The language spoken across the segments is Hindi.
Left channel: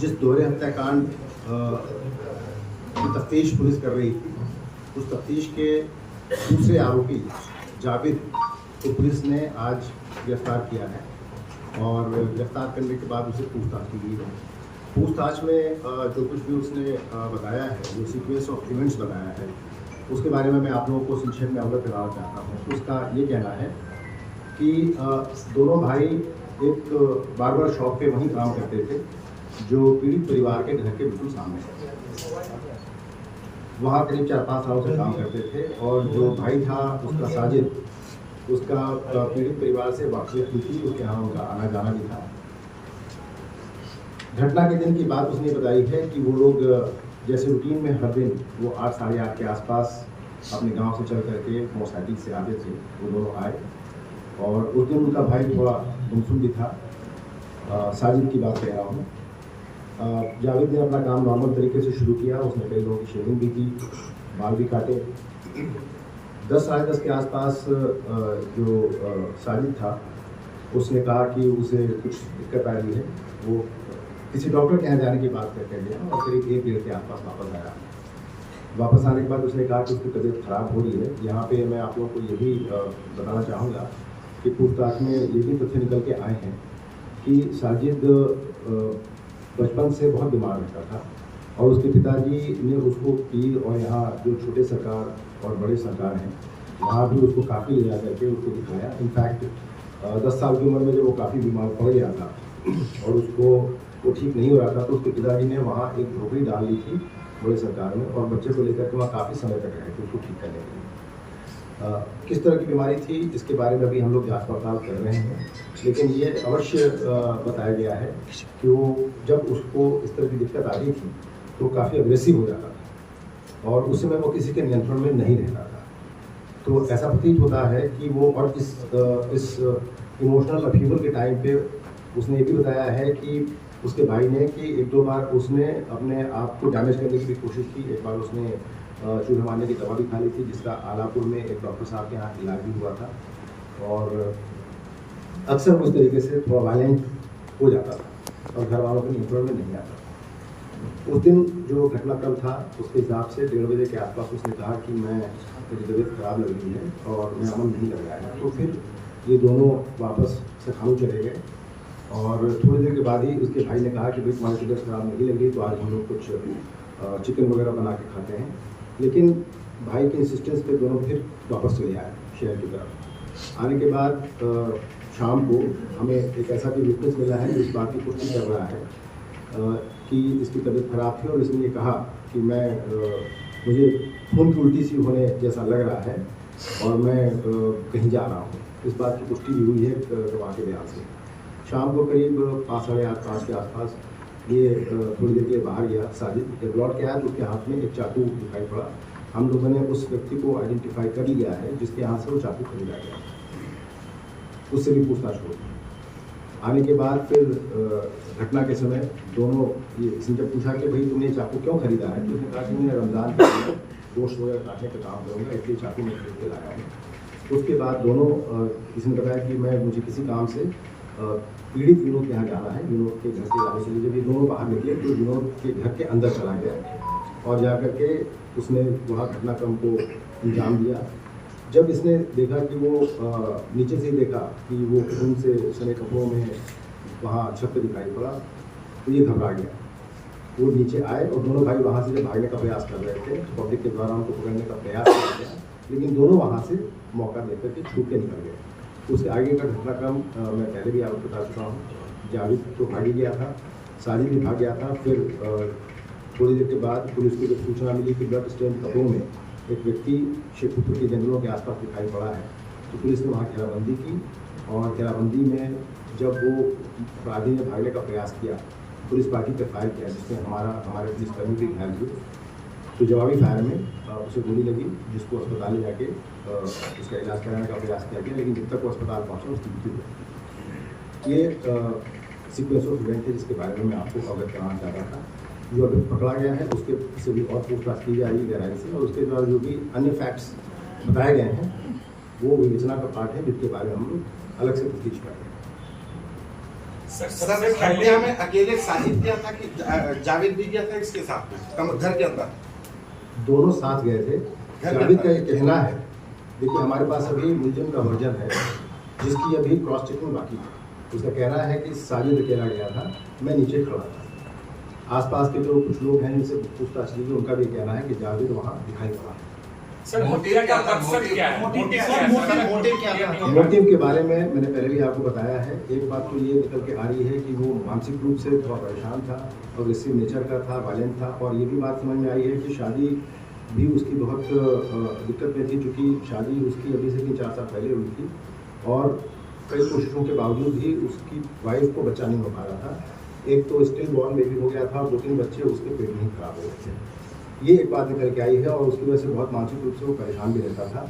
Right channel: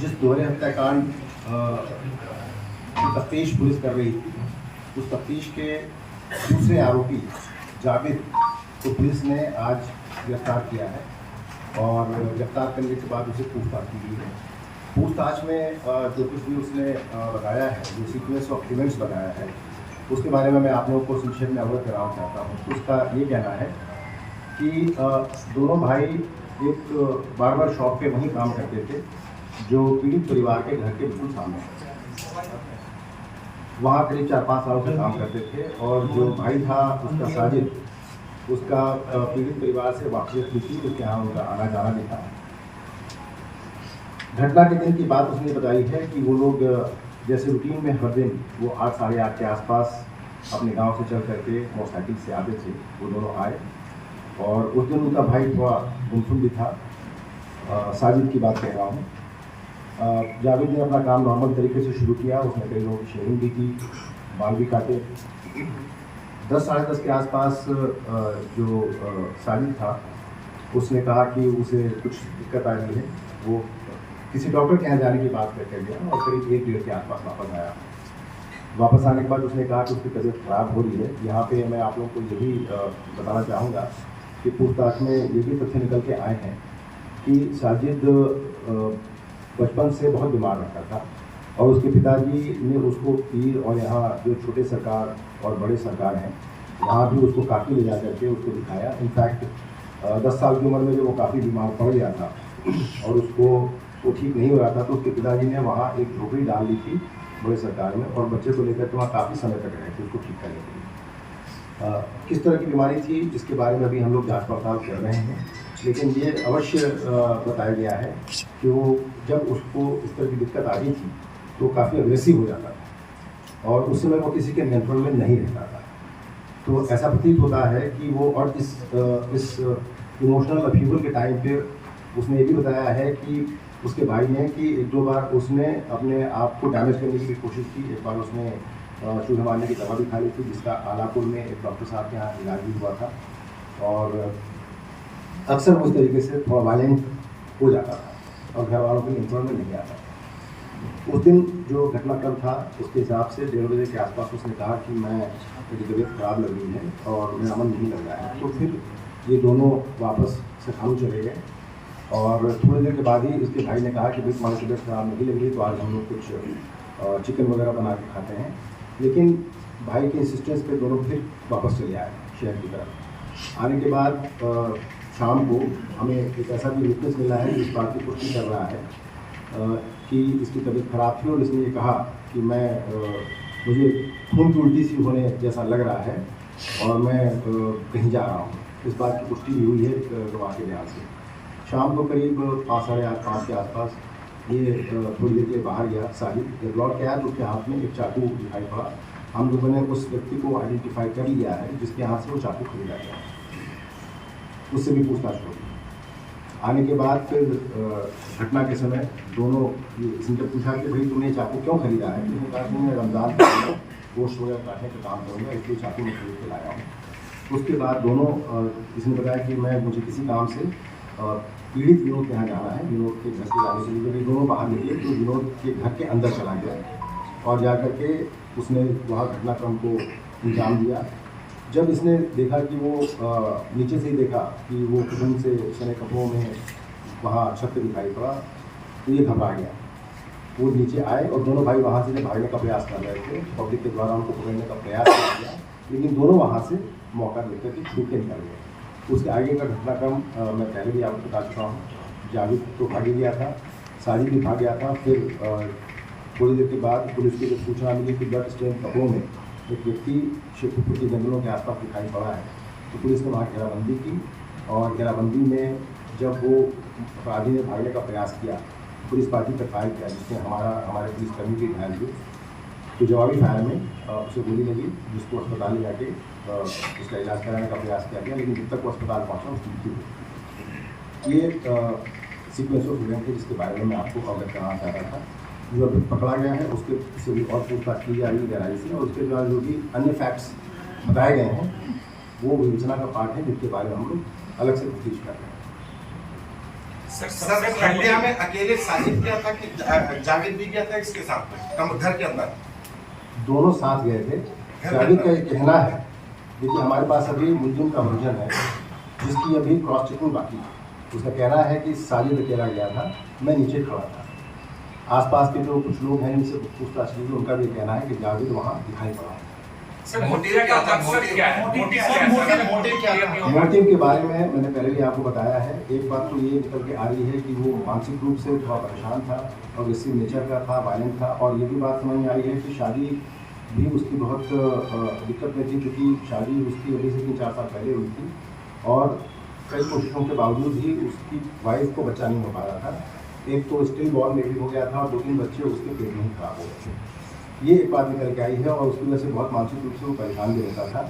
जिस दोहरे हत्याकांड की तफ्तीश पुलिस कर रही थी, उस तफ्तीश के दूसरे आरोपी जावेद को पुलिस ने आज गिरफ्तार किया है और गिरफ्तार करने के बाद उसे पूछताछ की गई है। पूछताछ में जो कुछ भी उसने बताया है, जो सीक्वेंस ऑफ इवेंट्स बताया है, उसके बारे में मैं आप लोगों को संक्षेप में अवगत कराना चाहता हूँ। उसका ये कहना है कि दोनों भाई एक बार्बर शॉप पे वहीं काम करते थे जो पीड़ित परिवार के घर के बिल्कुल सामने है। वहाँ करीब 4-5 सालों से काम करते थे और जो भाई था उसका साजिद, उसका पीड़ित परिवार से वाकफियत भी थी, उसके यहाँ उनका आना जाना भी था। घटना के दिन की बात उसने बताई है कि वो लोग जैसे रूटीन में हर दिन वो 8 साढ़े 8 के आसपास अपने गांव से चल करके मोटरसाइकिल से आते थे। वो दोनों आए और उस दिन उनका भाई थोड़ा गुमसुम भी था। साजिद की बात कह रहा हूँ। जावेद ने अपना काम नॉर्मल तरीके से शुरू किया। उसने कई लोगों की शेविंग भी की, बाल भी काटे। 10 साढ़े 10 के आसपास जो साजिद था उसने कहा कि उसे कुछ दिक्कत आ रही है। वो किसी डॉक्टर के यहाँ जाने की बात करके गया और करीब 1-1:30 के आसपास वापस आया। वापस आने के बाद उसने कहा कि उसकी तबीयत खराब हो रही है। यहाँ पे मैं आप लोगों को यही बताना चाहूँगा कि पूछताछ में ये भी तथ्य निकल के आए हैं कि साजिद बचपन से बहुत बीमार रहता था और उसके पिताजी ने उसको पीर और यहाँ जो छोटे सरकार और बड़े सरकार हैं वहाँ भी उसको काफ़ी ले जा करके उसको दिखाया। इनफैक्ट 10 साल की उम्र में जब वो काफ़ी बीमार पड़ गया था और उसको वो ठीक नहीं हो रहा था तो उसके पिताजी ने वहाँ एक झोपड़ी डाल ली थी बड़े सरकार में और बच्चे को लेकर के वहाँ काफ़ी समय तक रहे थे उसको ठीक करने के लिए। किस तरह की बीमारी थी इसके बारे में भी हम लोग जाँच पड़ताल कर रहे हैं, लेकिन ये अवश्य बताया गया है कि वो जब उसको इस तरह की दिक्कत आ रही थी तो काफ़ी अग्रेसिव हो जाता था और उस समय वो किसी के नियंत्रण में नहीं रहता था। तो ऐसा प्रतीत होता है कि वो और इस इमोशनल अपहीवल के टाइम पे उसने ये भी बताया है कि उसके भाई ने कि 1-2 बार उसने अपने आप को डैमेज करने की कोशिश की। एक बार उसने चूहे मारने की दवा भी खा ली थी जिसका आलापुर में एक डॉक्टर साहब के यहाँ इलाज भी हुआ था और अक्सर उस तरीके से थोड़ा वायलेंट हो जाता था और घर वालों के नियंत्रण में नहीं आता था। उस दिन जो घटनाक्रम था उसके हिसाब से 1:30 बजे के आसपास उसने कहा कि मेरी तबीयत खराब लग रही है और मेरा मन नहीं लग रहा है। तो फिर ये दोनों वापस से खानू चले गए और थोड़ी देर के बाद ही इसके भाई ने कहा कि भाई तुम्हारी तबीयत खराब नहीं लग रही तो आज हम लोग कुछ चिकन वगैरह बना के खाते हैं। लेकिन भाई के इंसिस्टेंस पे दोनों फिर वापस चले आए शहर की तरफ। आने के बाद शाम को हमें एक ऐसा भी विटनेस मिला है इस बात की पुष्टि कर रहा है कि इसकी तबीयत खराब थी और इसने ये कहा कि मुझे खून की उल्टी सी होने जैसा लग रहा है और मैं कहीं जा रहा हूँ। इस बात की पुष्टि भी हुई है गवाह के बयान से। शाम को करीब 5 साढ़े 8-5 के आसपास ये थोड़ी देर के लिए बाहर गया साजिद। जब लौट के आया तो उसके हाथ में एक चाकू दिखाई पड़ा। हम लोगों ने उस व्यक्ति को आइडेंटिफाई कर लिया है जिसके हाथ से वो चाकू खरीदा गया, उससे भी पूछताछ होगी। आने के बाद फिर घटना के समय दोनों इसने पूछा कि भाई तुमने चाकू क्यों खरीदा है? तो उसने कहा कि मैं रमज़ान के गोश्त वगैरह काटने का काम करूँगा इसलिए चाकू मैं खरीद के लाया हूँ। उसके बाद दोनों इसने बताया कि मुझे किसी काम से पीड़ित विनोद के यहाँ जाना है। विनोद के घर से जाने के लिए जब ये दोनों बाहर निकले तो विनोद के घर के अंदर चला गया और जाकर के उसने वहाँ घटनाक्रम को अंजाम दिया। जब इसने देखा कि वो नीचे से ही देखा कि वो खून से सने कपड़ों में वहाँ छत पे दिखाई पड़ा तो ये घबरा गया। वो नीचे आए और दोनों भाई वहाँ से भागने का प्रयास कर रहे थे। पब्लिक के द्वारा उनको पकड़ने का प्रयास किया गया लेकिन दोनों वहाँ से मौका देकर के छूट के निकल गए। उसके आगे का घटनाक्रम मैं पहले भी आपको बता चुका हूँ। जावेद तो भाग ही गया था, साजिद भी भाग गया था। फिर थोड़ी देर के बाद पुलिस को जब सूचना मिली कि ब्लड स्टेन कपड़ों में एक व्यक्ति शेखपुर के जंगलों के आसपास दिखाई पड़ा है तो पुलिस ने वहाँ घेराबंदी की और घेराबंदी में जब वो अपराधी ने भागने का प्रयास किया पुलिस पार्टी पर फायर किया जिसमें हमारे पुलिसकर्मी भी घायल हुए। तो जवाबी फायर में उसे गोली लगी जिसको अस्पताल ले जाके उसका इलाज कराने का प्रयास किया गया लेकिन जब तक वो अस्पताल पहुँचा उसकी मृत्यु हुई। ये सीक्वेंस ऑफ इवेंट है जिसके बारे में मैं आपको अवगत करना चाह रहा था। जो अभी पकड़ा गया है उसके से भी और पूछताछ की जा रही है गहराई से और उसके द्वारा जो भी अन्य फैक्ट्स बताए गए हैं वो विवेचना का पार्ट है जिसके बारे में हम लोग अलग से तफ्तीश कर रहे हैं। सर हत्या में अकेले साजिद किया था कि जावेद भी गया था इसके साथ में घर के अंदर? दोनों साथ गए थे। जावेद का ये कहना है, देखिए हमारे पास अभी मुलजिम का वर्जन है जिसकी अभी क्रॉस चेकिंग बाकी है। उसका कहना है कि साजिद अकेला गया था, मैं नीचे खड़ा था। आसपास के जो कुछ लोग हैं जिनसे पूछताछ की, उनका भी कहना है कि जावेद वहाँ दिखाई पड़ा है। मोटिव के बारे में मैंने पहले भी आपको बताया है। एक बात तो ये निकल के आ रही है कि वो मानसिक रूप से थोड़ा परेशान था और इसी नेचर का था, वायलेंट था। और ये भी बात समझ में आई है कि शादी भी उसकी बहुत दिक्कत में थी, चूँकि शादी उसकी अभी से 3-4 साल पहले हुई थी और कई कोशिशों के बावजूद भी उसकी वाइफ को बच्चा नहीं हो पा रहा था। एक तो स्टिल बॉर्न बेबी हो गया था और 2-3 बच्चे उसके पेट में खराब हो गए थे। ये एक बात निकल के आई है और उसकी वजह से बहुत मानसिक रूप से वो परेशान भी रहता था।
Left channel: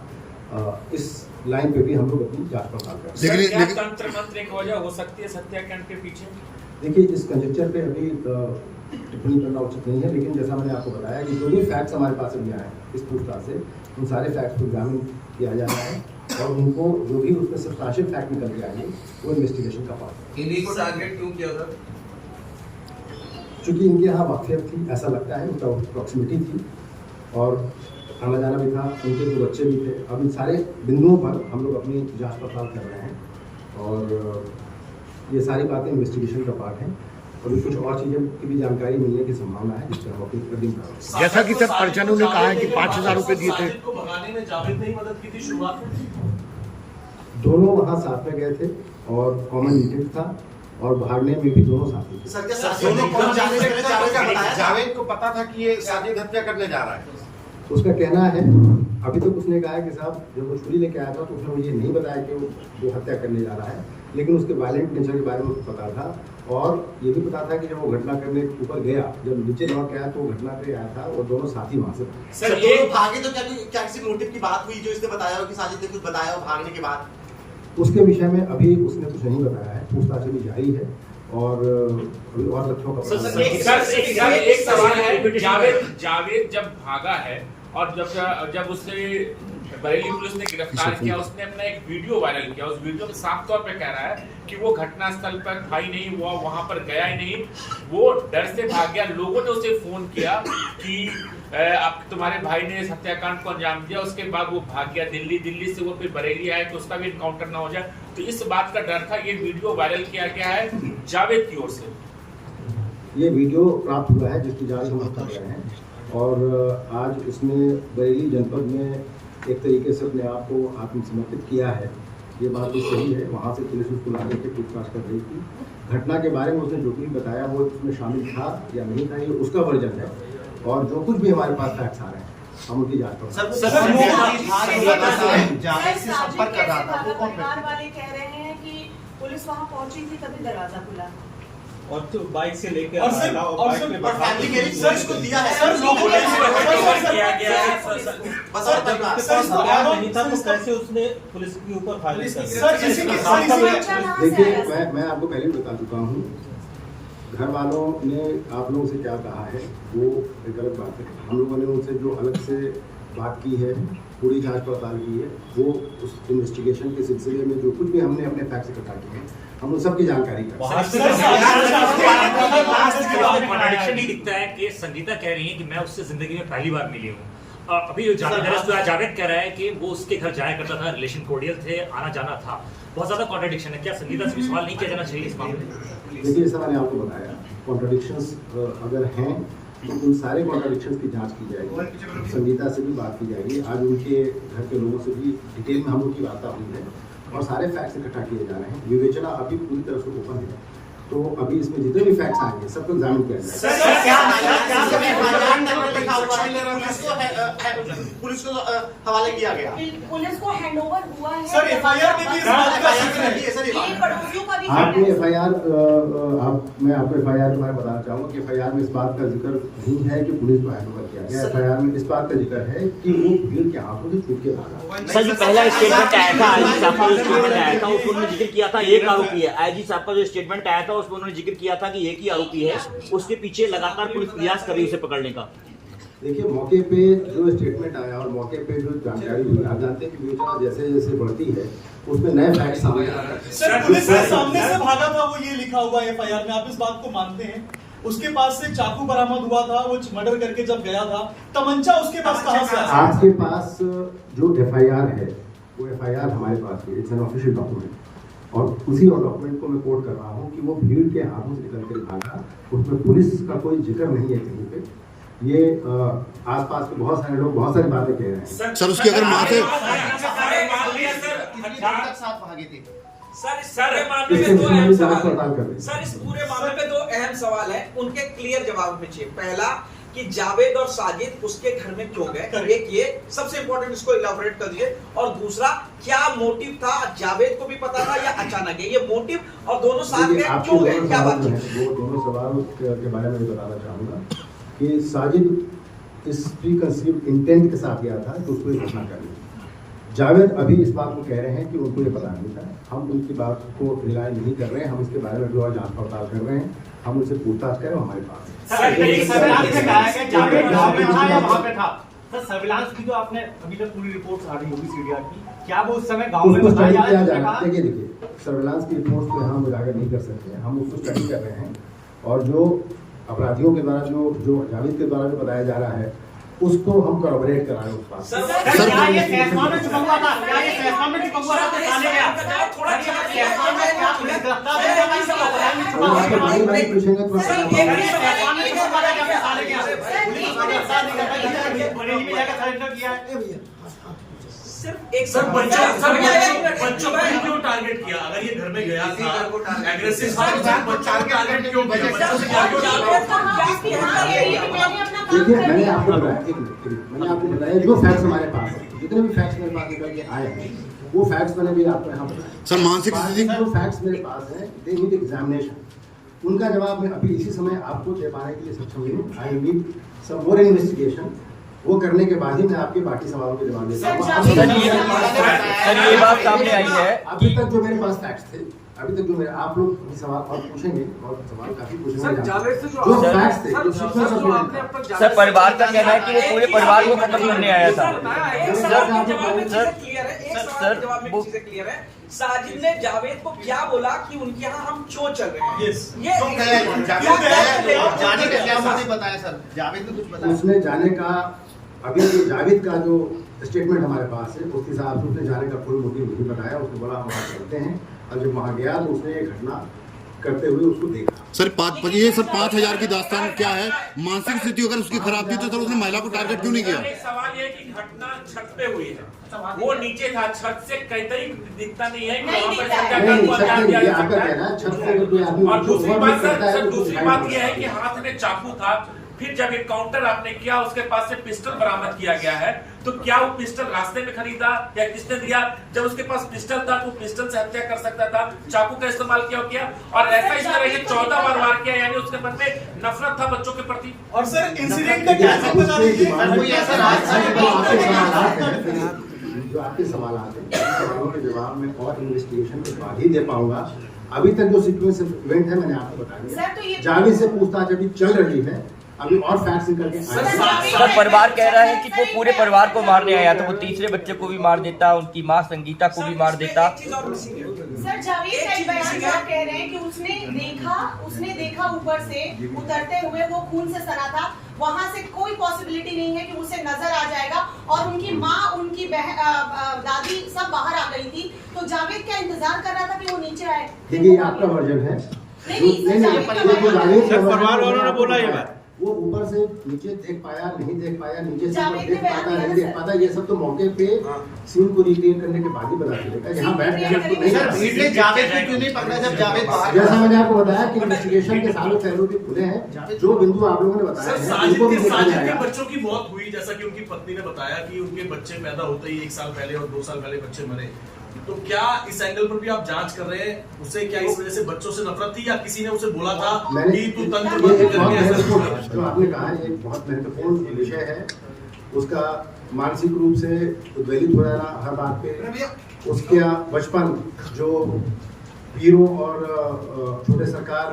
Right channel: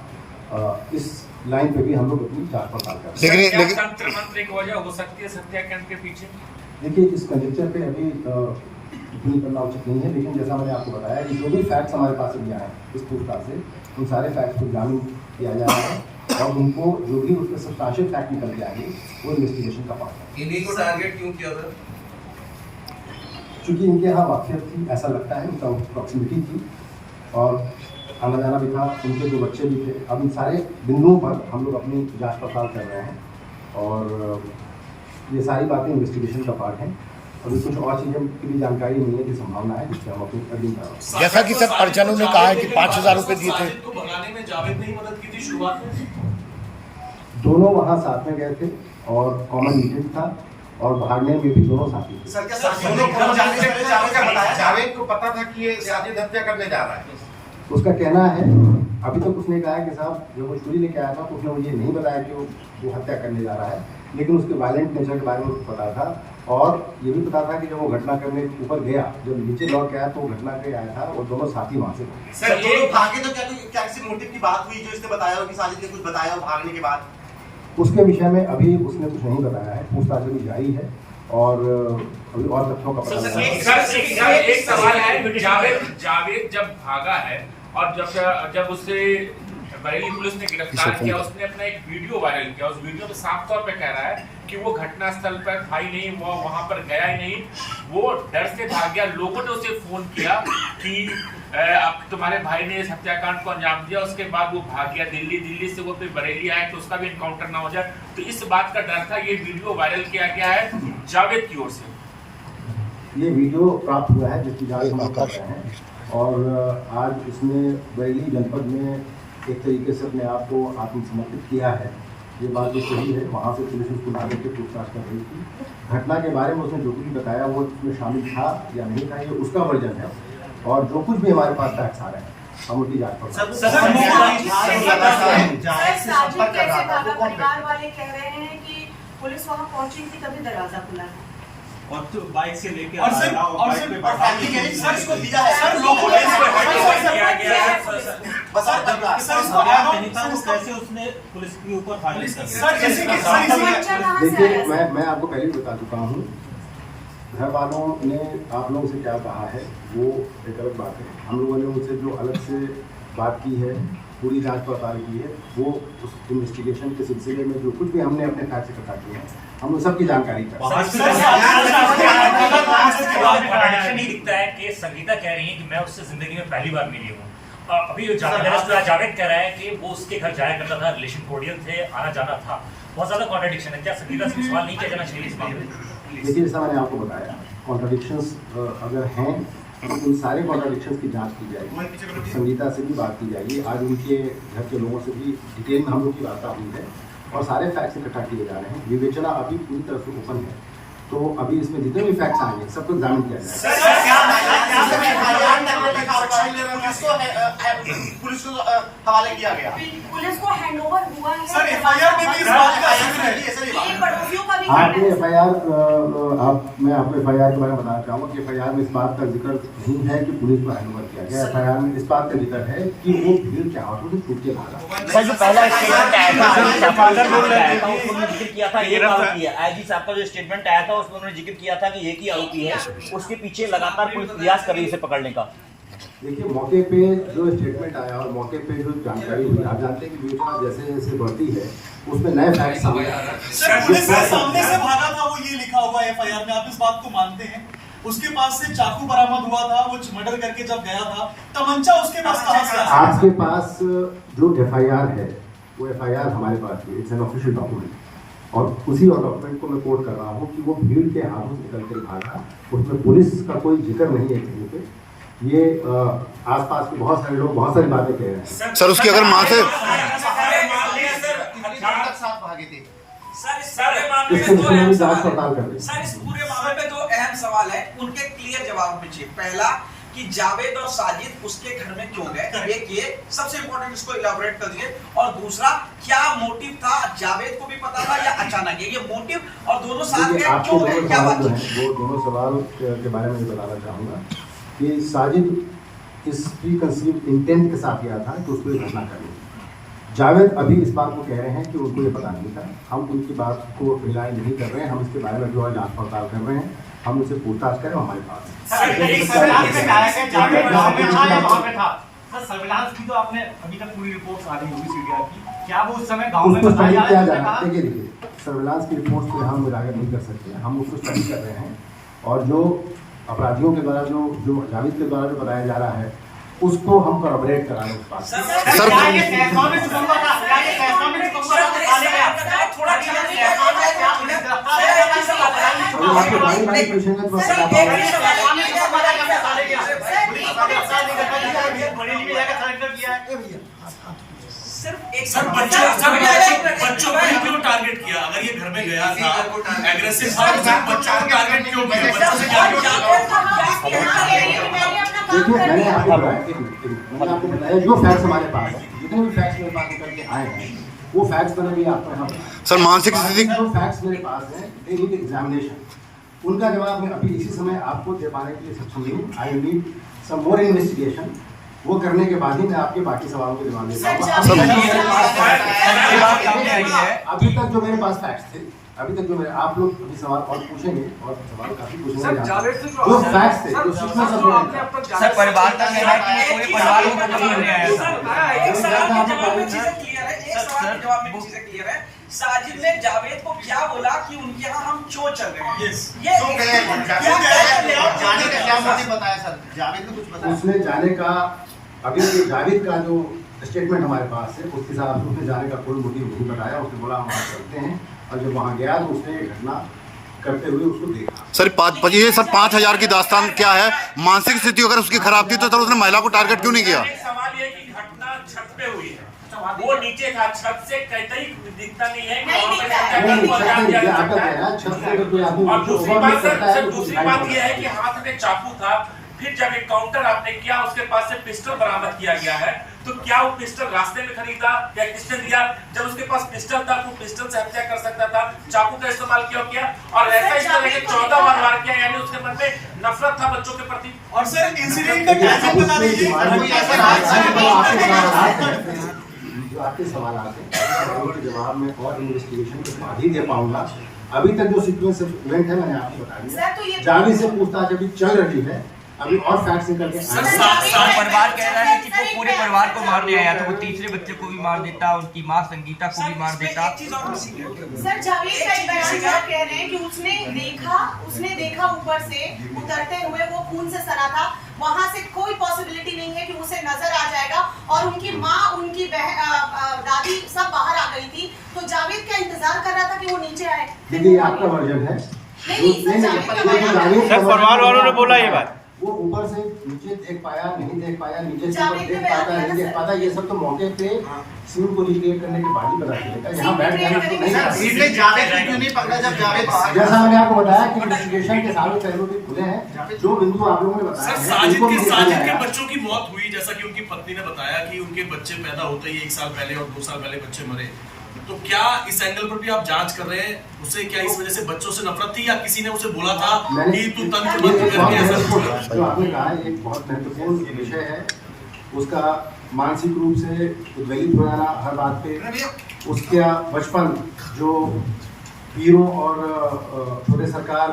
इस लाइन पे भी हम लोग अपनी जांच पड़ताल कर रहे हैं। लेकिन तंत्र मंत्र की वजह हो सकती है हत्याकांड के पीछे? देखिए, इस कंजेक्चर पे अभी टिप्पणी करना उचित नहीं है, लेकिन जैसा मैंने आपको बताया कि जो भी फैक्ट्स हमारे पास अभी आए हैं इस पूछताछ से, उन सारे फैक्ट्स को एग्जामिन किया जा रहा है और उनको जो भी उसमें सब्सटेंशियल फैक्ट निकल के आएंगे वो इन्वेस्टिगेशन का पार्ट है। इन्हीं को टारगेट क्यों किया था? चूँकि इनके यहाँ वाक़ियत थी, ऐसा लगता है, उनका प्रॉक्सिमिटी थी और आना जाना भी था, उनके जो बच्चे भी थे। अब इन सारे बिंदुओं पर हम लोग अपनी जांच पड़ताल कर रहे हैं और ये सारी बातें इन्वेस्टिगेशन का पार्ट हैं। अभी कुछ और चीज़ों की भी जानकारी मिलने की संभावना है जिससे हम अपनी अध्ययन करेंगे। जैसा कि सर परिजनों ने कहा है कि 5,000 रुपये दिए थे। को भगाने में जावेद ने ही मदद की थी शुरुआत में? दोनों वहाँ साथ में गए थे और कॉमन मीटिंग था और भागने में भी दोनों साथी थे। जावेद को पता था कि ये साजिद हत्या करने जा रहा है? उसका कहना है, अभी तक उसने कहा है कि साहब जब वो छुरी लेके आया था तो उसने मुझे नहीं बताया कि वो हत्या करने जा रहा है, लेकिन उसके वायलेंट नेचर के बारे में उसको पता था और ये भी पता था कि जब वो घटना करने ऊपर गया, जब नीचे लौट के आया तो घटना पे आया था और दोनों साथी वहाँ से सर ये भागे तो क्या किसी मोटिव की बात हुई जो इसने बताया हो कि साजिद ने कुछ बताया हो भागने के बाद? उसके विषय में अभी उसने कुछ नहीं बताया है, पूछताछ अभी जारी है और अभी और तथ्यों का पता एक सवाल है, जावेद जब भागा है और जब उसे बरेली पुलिस ने गिरफ्तार किया, उसने अपना एक वीडियो वायरल किया। उस वीडियो में साफ तौर पे कह रहा है कि वो घटना स्थल पर था ही नहीं, वो वहां पर गया ही नहीं, वो डर से भाग गया। लोगों ने उसे फोन किया कि अब तुम्हारे भाई ने इस हत्याकांड को अंजाम दिया, उसके बाद वो भाग गया दिल्ली से वो फिर बरेली आया तो उसका भी इनकाउंटर ना हो जाए, तो इस बात का डर था। ये वीडियो वायरल किया गया है जावेद की ओर से। ये वीडियो प्राप्त हुआ है जिसकी जांच हम कर रहे हैं और आज उसने बरेली जनपद में एक तरीके से अपने आप को आत्मसमर्पित किया है। ये बात तो सही है, वहाँ से पुलिस उसको ला के पूछताछ कर रही थी। घटना के बारे में उसने जो कुछ बताया वो उसमें शामिल था या नहीं था, ये उसका वर्जन है और जो कुछ भी हमारे पास फैक्ट्स आ रहे हैं हम उसकी जाँच कर पुलिस वहाँ पहुंची थी तभी दरवाजा खुला है और तो बाइक से लेके और फैमिली के सर इसको दिया है सर लोगों ने किया गया नहीं था तो कैसे उसने पुलिस के ऊपर फायरिंग देखिए, मैं आपको पहले भी बता चुका हूँ, घर वालों ने आप लोगों से क्या कहा है वो एक गलत बात है। हम लोगों ने उनसे जो अलग से बात की है, पूरी जांच पड़ताल की है, वो उस इन्वेस्टिगेशन के सिलसिले में जो कुछ भी हमने अपने फैक्ट्स इकट्ठा किए हैं हम उन सबकी जानकारी करते हैं। कॉन्ट्रडिक्शन नहीं दिखता है कि संगीता कह रही है कि मैं उससे जिंदगी में पहली बार मिली हूँ, अभी जावेद कह रहा है कि वो उसके घर जाया करता था, रिलेशन कोडियल थे, आना जाना था। बहुत ज्यादा कॉन्ट्रडिक्शन है, क्या संगीता से सवाल नहीं किया जाना चाहिए इस मामले में? देखिए, जैसा मैंने आपको बताया, कॉन्ट्रडिक्शंस अगर हैं तो उन सारे कॉन्ट्रडिक्शंस की जांच की जाएगी, संगीता से भी बात की जाएगी, आज उनके घर के लोगों से भी डिटेल में हम लोग की वार्ता हुई है और सारे फैक्ट्स इकट्ठा किए जा रहे हैं। विवेचना अभी पूरी तरह से ओपन है, तो अभी इसमें जितने भी फैक्ट्स आएंगे सबको एग्जामिन किया जाएगा। पुलिस को हवाले किया गया, पुलिस को हैंडओवर हुआ है सर एफआईआर में भी इस बात का जिक्र है सर। ये पड़ोसियों का भी आपने एफआईआर मैं आपको एफआईआर के बारे में बताना चाहूँगा कि एफआईआर में इस बात का जिक्र नहीं है कि पुलिस को हैंडओवर किया गया। एफआईआर में इस बात का जिक्र है कि वो भीड़ के हाथों से छूट के भागा। सर जो पहला स्टेटमेंट आया था आईजी साहब का उसमें जिक्र किया था एक आरोपी है। आईजी साहब का जो स्टेटमेंट आया था उसमें उन्होंने जिक्र किया था कि एक ही आरोपी है, उसके पीछे लगातार पुलिस प्रयास कर रही है उसे पकड़ने का। देखिए, मौके पे जो स्टेटमेंट आया और मौके पे जो जानकारी हुई, आप जानते हैं कि विवेचना जैसे जैसे बढ़ती है उसमें नए फैक्ट सामने आ रहे हैं। सर पुलिस के सामने से भागा था, वो ये लिखा हुआ है एफआईआर में, आप इस बात को मानते हैं? उसके पास से चाकू बरामद हुआ था, वो मर्डर करके जब गया था, तमंचा उसके पास कहां से आया? आपके पास जो एफआईआर है वो एफआईआर हमारे पास है, इट्स एन ऑफिशियल डॉक्यूमेंट, और उसी डॉक्यूमेंट को मैं कोट कर रहा हूँ कि वो भीड़ के हाथों से निकल कर भागा, उसमें पुलिस का कोई जिक्र नहीं है कहीं पे। ये आसपास के बहुत सारे लोग बहुत सारी बातें कह रहे हैं। सर उसकी अगर मां से साथ भागे थे इसके विषय में जांच पड़ताल कर रहे हैं। सर इस पूरे मामले में दो अहम सवाल हैं, उनके क्लियर जवाब में चाहिए। पहला कि जावेद और साजिद उसके घर में क्यों गए, एक ये सबसे इंपॉर्टेंट, इसको इलाबोरेट कर दिए। और दूसरा, क्या मोटिव था, जावेद को भी पता था या अचानक ये मोटिव, और दोनों साथ में क्यों गए, क्या बात है? वो दोनों सवाल के बारे में बताना चाहूँगा कि साजिद इस प्री कंसीव्ड इंटेंट के साथ गया था कि उसको घटना करनी। जावेद अभी इस बात को कह रहे हैं कि उनको ये पता नहीं था। हम उनकी बात को रिलाय नहीं कर रहे हैं, हम इसके बारे में जो है जांच पड़ताल कर रहे हैं, हम उनसे पूछताछ करें, हमारे पास सर्विलांस की तो आपने अभी तक पूरी रिपोर्ट आ रही होगी सीडीआर की, क्या वो उस समय गांव में उसको स्टडी बताया किया जा जा रहा रहा है? है। देखिए सर्विलांस की रिपोर्ट को हम उजागर नहीं कर सकते, हम उसको स्टडी कर रहे हैं, और जो अपराधियों के द्वारा जो जावेद के द्वारा जो बताया जा रहा है उसको हम कॉर्पोरेट करा रहे हैं उस बात से। सर क्या ये फैसला में चुका था, क्या ये फैसला में चुका था तो थाने गया थोड़ा फैसला में क्या पुलिस गिरफ्तार हो गई सब अगर आपको बारी बारी पूछेंगे तो मैं बता पाऊंगा। फैसला में चुका था क्या थाने गया पुलिस वाले गिरफ्तार नहीं करता, बरेली में जाकर सरेंडर किया है। सिर्फ एक सर बच्चों को क्यों टारगेट किया? अगर ये घर में गया था एग्रेसिव था, बच्चों को टारगेट क्यों किया? बच्चों से क्या देखिए मैंने आपको बताया जो फैक्ट्स हमारे पास है, जितने भी फैक्ट्स मेरे पास निकल के आए हैं वो फैक्ट्स मैंने भी आपको यहाँ सर मानसिक स्थिति जो फैक्ट्स मेरे पास है दे नीड एग्जामिनेशन, उनका जवाब मैं अभी इसी समय आपको दे पाने के लिए सक्षम नहीं हूँ। I need some more investigation, वो करने के बाद ही मैं आपके बाकी सवालों को जवाब देता हूँ। अभी तक जो मेरे पास फैक्ट्स थे, अभी तक जो मेरे आप लोग अभी सवाल और पूछेंगे और सवाल काफी पूछेंगे, जो फैक्ट्स थे जो सीक्वेंस ऑफ सर परिवार का कहना है कि वो पूरे परिवार को मतलब घूमने आया था। जवाब में चीजें क्लियर है। साजिद ने जावेद को क्या बोला कि उनके यहाँ हम क्यों चल रहे हैं? बताया सर, जावेद को कुछ बताया? उसने जाने का अभी जावेद का जो स्टेटमेंट हमारे पास है उसके हिसाब से उसने जाने का कोई मोटिव नहीं बताया। उसने बोला हम वहाँ चलते हैं, और जब वहाँ गया तो उसने ये घटना करते हुए उसको देखा। सर ये सर 5,000 की दास्तान क्या है? मानसिक स्थिति अगर उसकी खराब थी तो सर उसने महिला को टारगेट क्यों नहीं किया? सवाल ये कि घटना छत पे हुई है, वो नीचे था, छत से कहीं दिखता नहीं है और दूसरी बात ये है कि हाथ में चाकू था। फिर जब एनकाउंटर आपने किया उसके पास से पिस्टल बरामद किया गया है, तो क्या वो पिस्टल रास्ते में खरीदा या किसने दिया? जब उसके पास पिस्टल था तो पिस्टल से हत्या कर सकता था, चाकू का इस्तेमाल क्यों किया? और ऐसा इस तरह के 14 बार वार किया, यानी उसके मन में नफरत था बच्चों के प्रति। और सर इंसिडेंट का क्या बता दीजिए, जो आपके सवाल आते हैं उनके जवाब में और इन्वेस्टिगेशन के बाद ही दे पाऊंगा। अभी तक जो सीक्वेंस इवेंट है मैंने आपको बता दिया। जावेद से पूछताछ अभी चल रही है, अभी और फैक्ट्स निकल के परिवार कह रहा है कि वो पूरे परिवार को मारने आया था, वो तीसरे बच्चे को भी मार देता, उनकी माँ संगीता को भी मार देता। सर जावेद का बयान कह रहे हैं कि उसने देखा ऊपर से उतरते हुए वो खून से सना था, वहां से कोई पॉसिबिलिटी नहीं है कि उसे नजर आ जाएगा, और उनकी माँ उनकी दादी सब बाहर आ गई थी, तो जावेद क्या इंतजार कर रहा था कि वो नीचे आए? देखिए आपका वर्जन है, परिवार वालों ने बोला ये बात, वो ऊपर से नीचे देख पाया नहीं देख पाया, नीचे से ऊपर देख पाता नहीं देख पाता, ये सब तो मौके पे सीन को रिक्रिएट करने के बाद ही पता चलेगा। यहाँ बैठ जाने तो नहीं। जावेद को क्यों नहीं पकड़ा जब जावेद बाहर? जैसा मैंने आपको बताया कि इन्वेस्टिगेशन के सारे पहलू भी खुले हैं, जो बिंदु आप लोगों ने बताया है उनको भी देखा साजिद के जाएगा। बच्चों की मौत हुई, जैसा कि उनकी पत्नी ने बताया कि उनके बच्चे पैदा होते ही 1 साल पहले और 2 साल पहले बच्चे मरे, तो क्या इस एंगल पर भी आप जांच कर रहे हैं? उसे क्या इस वजह से बच्चों से नफरत थी या किसी ने उसे बोला था कि तू तंत्र बंद करके ऐसा कुछ हुआ? जो आपने कहा एक बहुत महत्वपूर्ण विषय है, उसका मानसिक रूप से उद्वेलित हो जाना हर बात पे, उसका बचपन जो वीरों और छोटे सरकार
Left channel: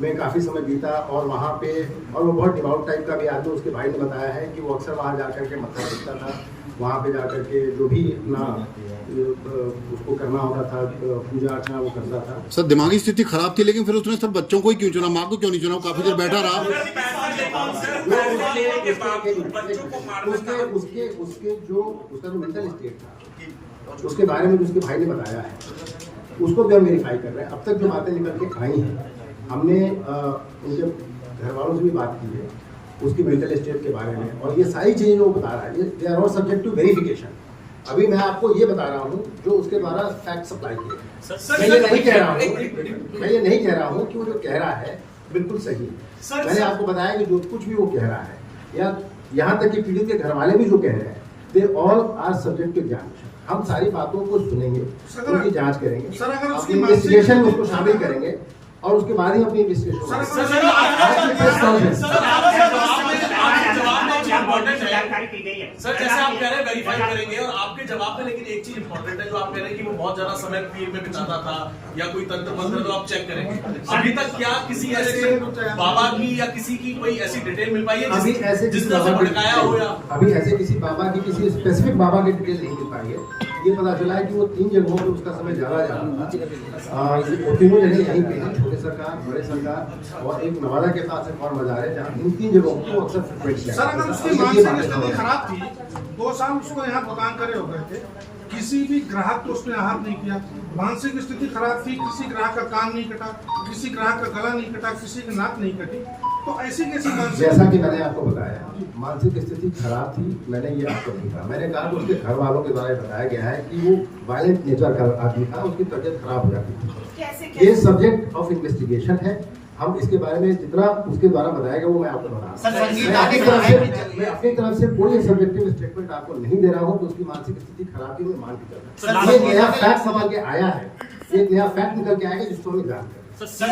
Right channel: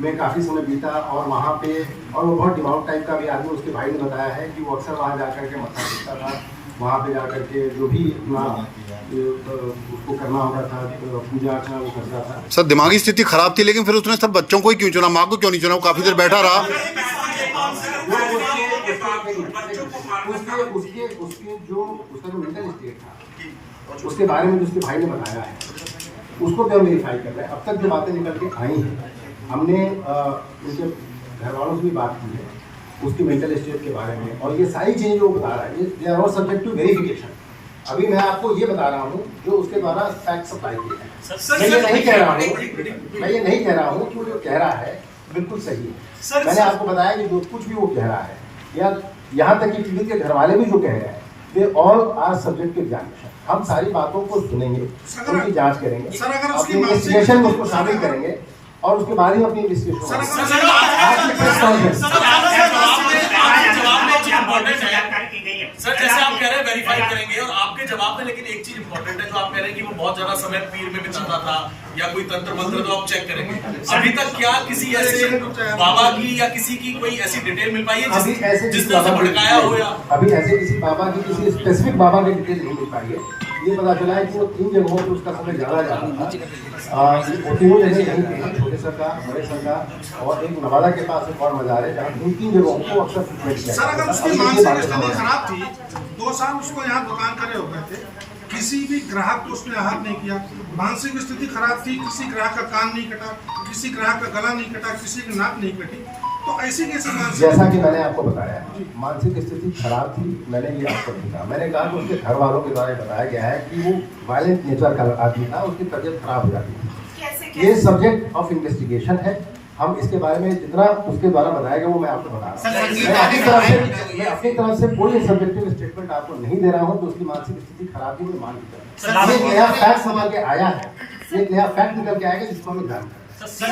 में काफ़ी समय बीता और वहाँ पे, और वो बहुत डिवाउट टाइप का भी आदमी, उसके भाई ने बताया है कि वो अक्सर वहाँ जा कर के मत्था टेकता था, वहाँ पे जा कर के जो भी अपना उसको करना होता था, पूजा अर्चना वो करता था। सर दिमागी स्थिति खराब थी, लेकिन फिर उसने सब बच्चों को ही क्यों चुना, माँ को क्यों नहीं चुना? वो काफी देर बैठा रहा। उसके जो उसका जो मेंटल स्टेट था, उसके बारे में जो उसके भाई ने बताया है, उसको भी हम वेरीफाई कर रहे हैं। अब तक जो बातें निकल के आई हैं, हमने उनके घर वालों से भी बात की है उसकी मेंटल स्टेट के बारे में, और ये सारी चीज़ें जो वो बता रहा है, they are all subject to verification. अभी मैं आपको ये बता रहा हूँ जो उसके द्वारा फैक्ट सप्लाई किए हैं। मैं ये नहीं कह रहा हूँ कि वो जो कह रहा है बिल्कुल सही है। मैंने आपको बताया कि जो कुछ भी वो कह रहा है, या यहाँ तक कि पीड़ित के घर वाले भी जो कह रहे हैं, they all are subject to examination. हम सारी बातों को सुनेंगे, उनकी जांच करेंगे, अपनी इन्वेस्टिगेशन में उसको शामिल करेंगे, और उसके बाद ही अपनी इन्वेस्टिगेशन। सर जैसे आप कह रहे हैं वेरीफाई करेंगे, और आपके जवाब में लेकिन एक चीज इंपॉर्टेंट है जो आप कह रहे हैं कि वो बहुत ज्यादा समय पीर में बिताता था या कोई तंत्र मंत्र, तो आप चेक करेंगे। अभी तक क्या किसी ऐसे बाबा की या किसी की कोई ऐसी डिटेल मिल पाई है जिसने उसे भड़काया हो? या अभी ऐसे किसी बाबा की, किसी स्पेसिफिक बाबा की डिटेल नहीं मिल पाई है। ये पता चला है कि वो 3 जगहों पर उसका समय ज़्यादा जाता था। तीनों जगह यहीं पे है, छोटे सरकार, बड़े सरकार, और एक नवादा के पास एक और मजार है जहाँ 3 जगहों को अक्सर फ्रिक्वेंट किया। सर अगर उसकी मानसिक स्थिति खराब थी, 2 साल उसको यहाँ दुकान करे हो गए थे, किसी भी ग्राहक को उसने आहत नहीं किया, मानसिक स्थिति खराब थी, किसी ग्राहक का कान नहीं कटा, किसी ग्राहक का गला नहीं कटा, किसी की नाक नहीं कटी, तो ऐसी कैसी मानसिक? जैसा कि मैंने आपको बताया, मानसिक स्थिति खराब थी, मैंने ये आपको नहीं कहा। मैंने कहा कि उसके घर वालों के द्वारा बताया गया है कि वो वायलेंट नेचर का आदमी था, उसकी तबीयत खराब हो जाती थी। ये सब्जेक्ट ऑफ इन्वेस्टिगेशन है। हम इसके बारे में जितना उसके द्वारा बताया गया वो मैं आपको बता रहा हूँ। मैं अपनी तरफ से कोई सब्जेक्टिव स्टेटमेंट आपको नहीं दे रहा हूँ। तो उसकी मानसिक स्थिति खराब थी, मैं मान के ये नया फैक्ट समझ के आया है, एक नया फैक्ट निकल के आएगा जिसको हमें ध्यान करें। उसको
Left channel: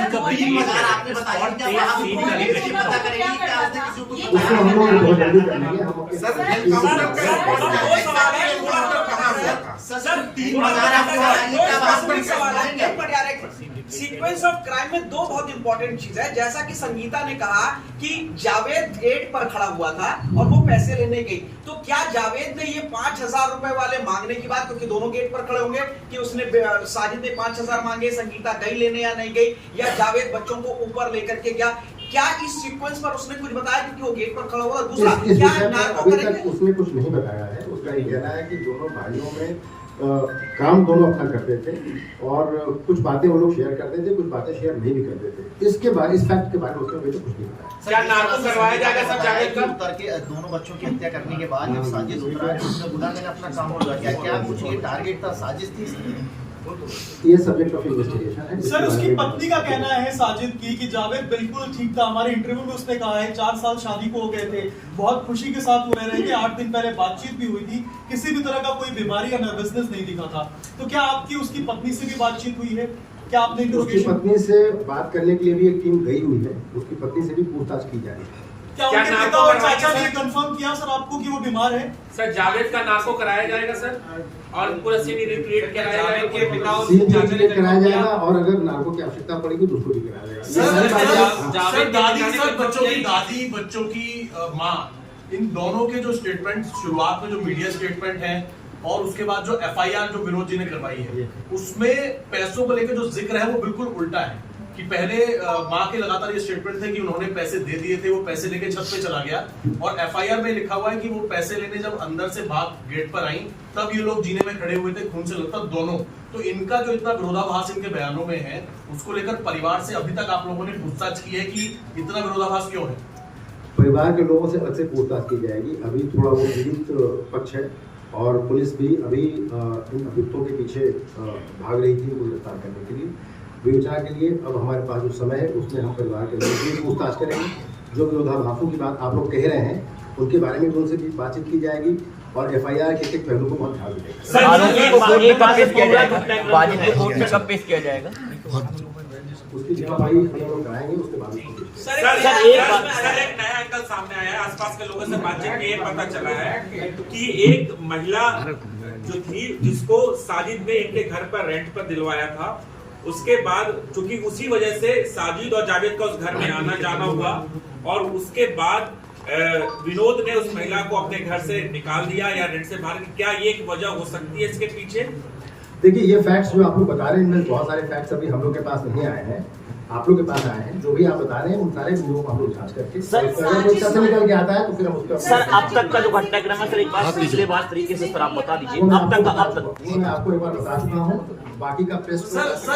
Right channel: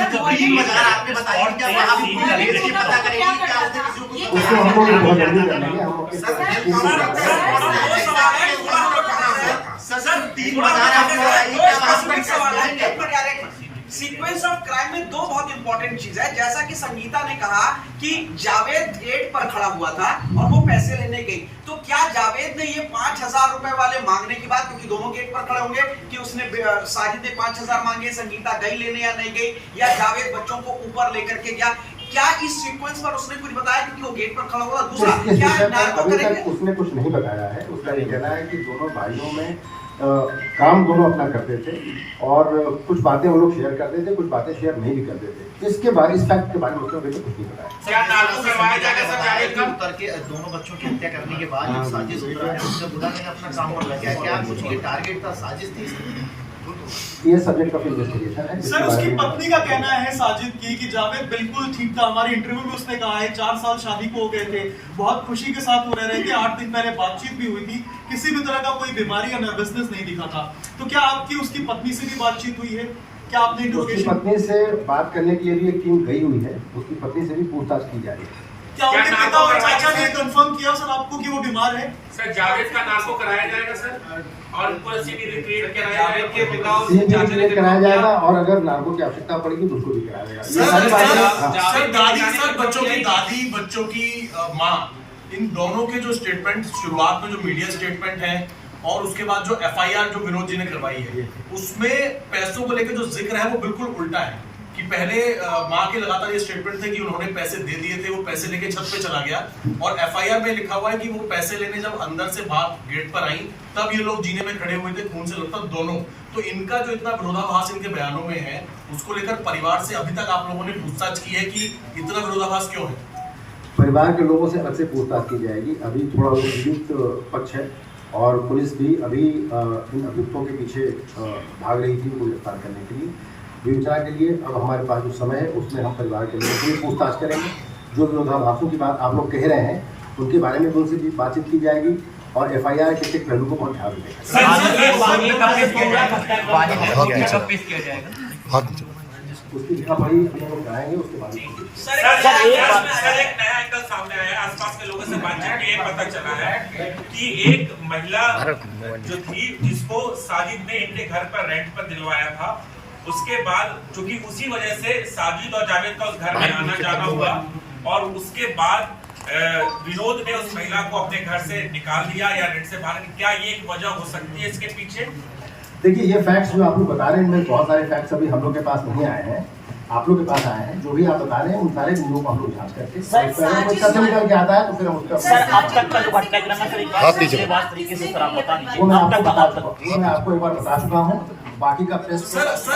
हम लोग बहुत जल्दी कर लेंगे। हम सीक्वेंस ऑफ क्राइम में 2 बहुत इंपॉर्टेंट चीज है। जैसा कि संगीता ने कहा कि जावेद गेट पर खड़ा हुआ था और वो पैसे लेने गई, तो क्या जावेद ने ये 5,000 रुपए वाले मांगने की बात, क्योंकि दोनों गेट पर खड़े होंगे, कि उसने साजिद ने 5,000 मांगे, संगीता गई लेने या नहीं गई, या जावेद बच्चों को ऊपर लेकर के गया, क्या इस सीक्वेंस पर उसने कुछ बताया क्योंकि वो गेट पर खड़ा हुआ? दूसरा क्या अभी तक उसने कुछ नहीं बताया है। उसका ये कहना है कि दोनों भाइयों में काम दोनों अपना करते थे, और कुछ बातें वो लोग शेयर करते थे, कुछ बातें शेयर नहीं भी करते थे। इसके बारे, इस फैक्ट के बारे में उसने कुछ नहीं बताया। क्या नाटक करवाया जाएगा सर जावेद का? करके दोनों बच्चों की हत्या करने के बाद साजिश हुआ है, उसने बुला नहीं अपना काम हो गया। क्या कुछ ये टारगेट था, साजिश थी? ये सब्जेक्ट ऑफ इन्वेस्टिगेशन है। सर उसकी पत्नी का कहना है साजिद की कि जावेद बिल्कुल ठीक था। हमारे इंटरव्यू में उसने कहा है 4 साल शादी को हो गए थे, बहुत खुशी के साथ वो रह रहे थे, 8 दिन पहले बातचीत भी हुई थी, किसी भी तरह का कोई बीमारी या नर्वसनेस नहीं दिखा था। तो क्या आपकी उसकी पत्नी से भी बातचीत हुई है? क्या आपने उसकी पत्नी से बात करने के लिए भी एक टीम गई हुई है, उसकी पत्नी से भी पूछताछ की जा रही है। क्या उनके पिता और चाचा ने कंफर्म किया सर आपको कि वो बीमार है? सर जावेद का नाको कराया जाएगा सर, और पूरा सीनी रिट्रीट कराया जाएगा कि पिता और चाचा ने कराया जाएगा, और अगर नार्को की आवश्यकता पड़ेगी तो उसको भी कराया जाएगा। ये सारी बातें दादी, सर बच्चों की दादी, बच्चों की माँ, इन दोनों के जो स्टेटमेंट शुरुआत में जो मीडिया स्टेटमेंट है और उसके बाद जो FIR जो विनोद जी ने करवाई है, उसमें पैसों को लेकर जो जिक्र है वो बिल्कुल उल्टा है। कि पहले माँ के लगातार ये स्टेटमेंट थे कि उन्होंने पैसे दे दिए थे, वो पैसे लेके छत पे चला गया, और FIR में लिखा हुआ है कि वो पैसे लेने जब अंदर से बात गेट पर आई तब ये लोग जीने में खड़े हुए थे, खून से लगता दोनों। तो इनका जो इतना विरोधाभास इनके बयानों में है, उसको लेकर परिवार से अभी तक आप लोगों ने पूछताछ की है कि इतना विरोधाभास क्यों है? परिवार के लोगों से अलग से पूछताछ की जाएगी। अभी थोड़ा वो पीड़ित पक्ष है, और पुलिस भी अभी इन अभियुक्तों के पीछे भाग रही थी उनको गिरफ्तार करने के लिए। विचार के लिए अब हमारे पास जो समय है उसमें हम परिवार के लोगों से पूछताछ करेंगे। जो विरोधाभासों की बात आप लोग कह रहे हैं उनके बारे में उनसे भी बातचीत की जाएगी, और FIR के एक पहलू को बहुत ध्यान देगा। उसकी जगह भाई हम कराएंगे, उसके बाद एक नया एंगल सामने आया है। आसपास के लोगों से बातचीत में ये पता चला है कि एक महिला जो थी जिसको साजिद ने इनके घर पर रेंट पर दिलवाया था, उसके बाद चूंकि उसी वजह से साजिद और जावेद का उस घर में आना जाना हुआ और उसके बाद विनोद ने उस महिला को अपने घर से निकाल दिया या रेंट से बाहर, क्या ये एक वजह हो सकती है इसके पीछे? देखिए, ये फैक्ट्स जो आप लोग बता रहे हैं इनमें बहुत सारे फैक्ट्स अभी हम लोग के पास नहीं आए हैं, आप लोग के पास आए हैं। जो भी आप बता रहे हैं उन सारे बिंदुओं को हम लोग जांच करके अगर कोई तथ्य निकल के आता है तो फिर हम उसका सर अब तक का जो घटनाक्रम है सर एक बार सिलसिलेवार तरीके से सर आप बता दीजिए वो मैं अब तक मैं आपको एक बार बता चुका हूँ। बाकी का प्रेस सदस्य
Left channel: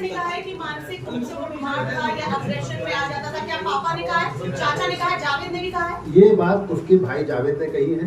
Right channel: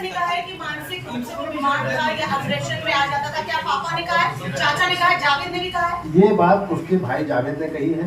ने कहा है कि मानसिक रूप से वो बीमार था या अग्रेशन में आ जाता था, क्या पापा ने कहा है, चाचा ने कहा है, जावेद ने भी कहा है? ये बात उसके भाई जावेद ने कही है,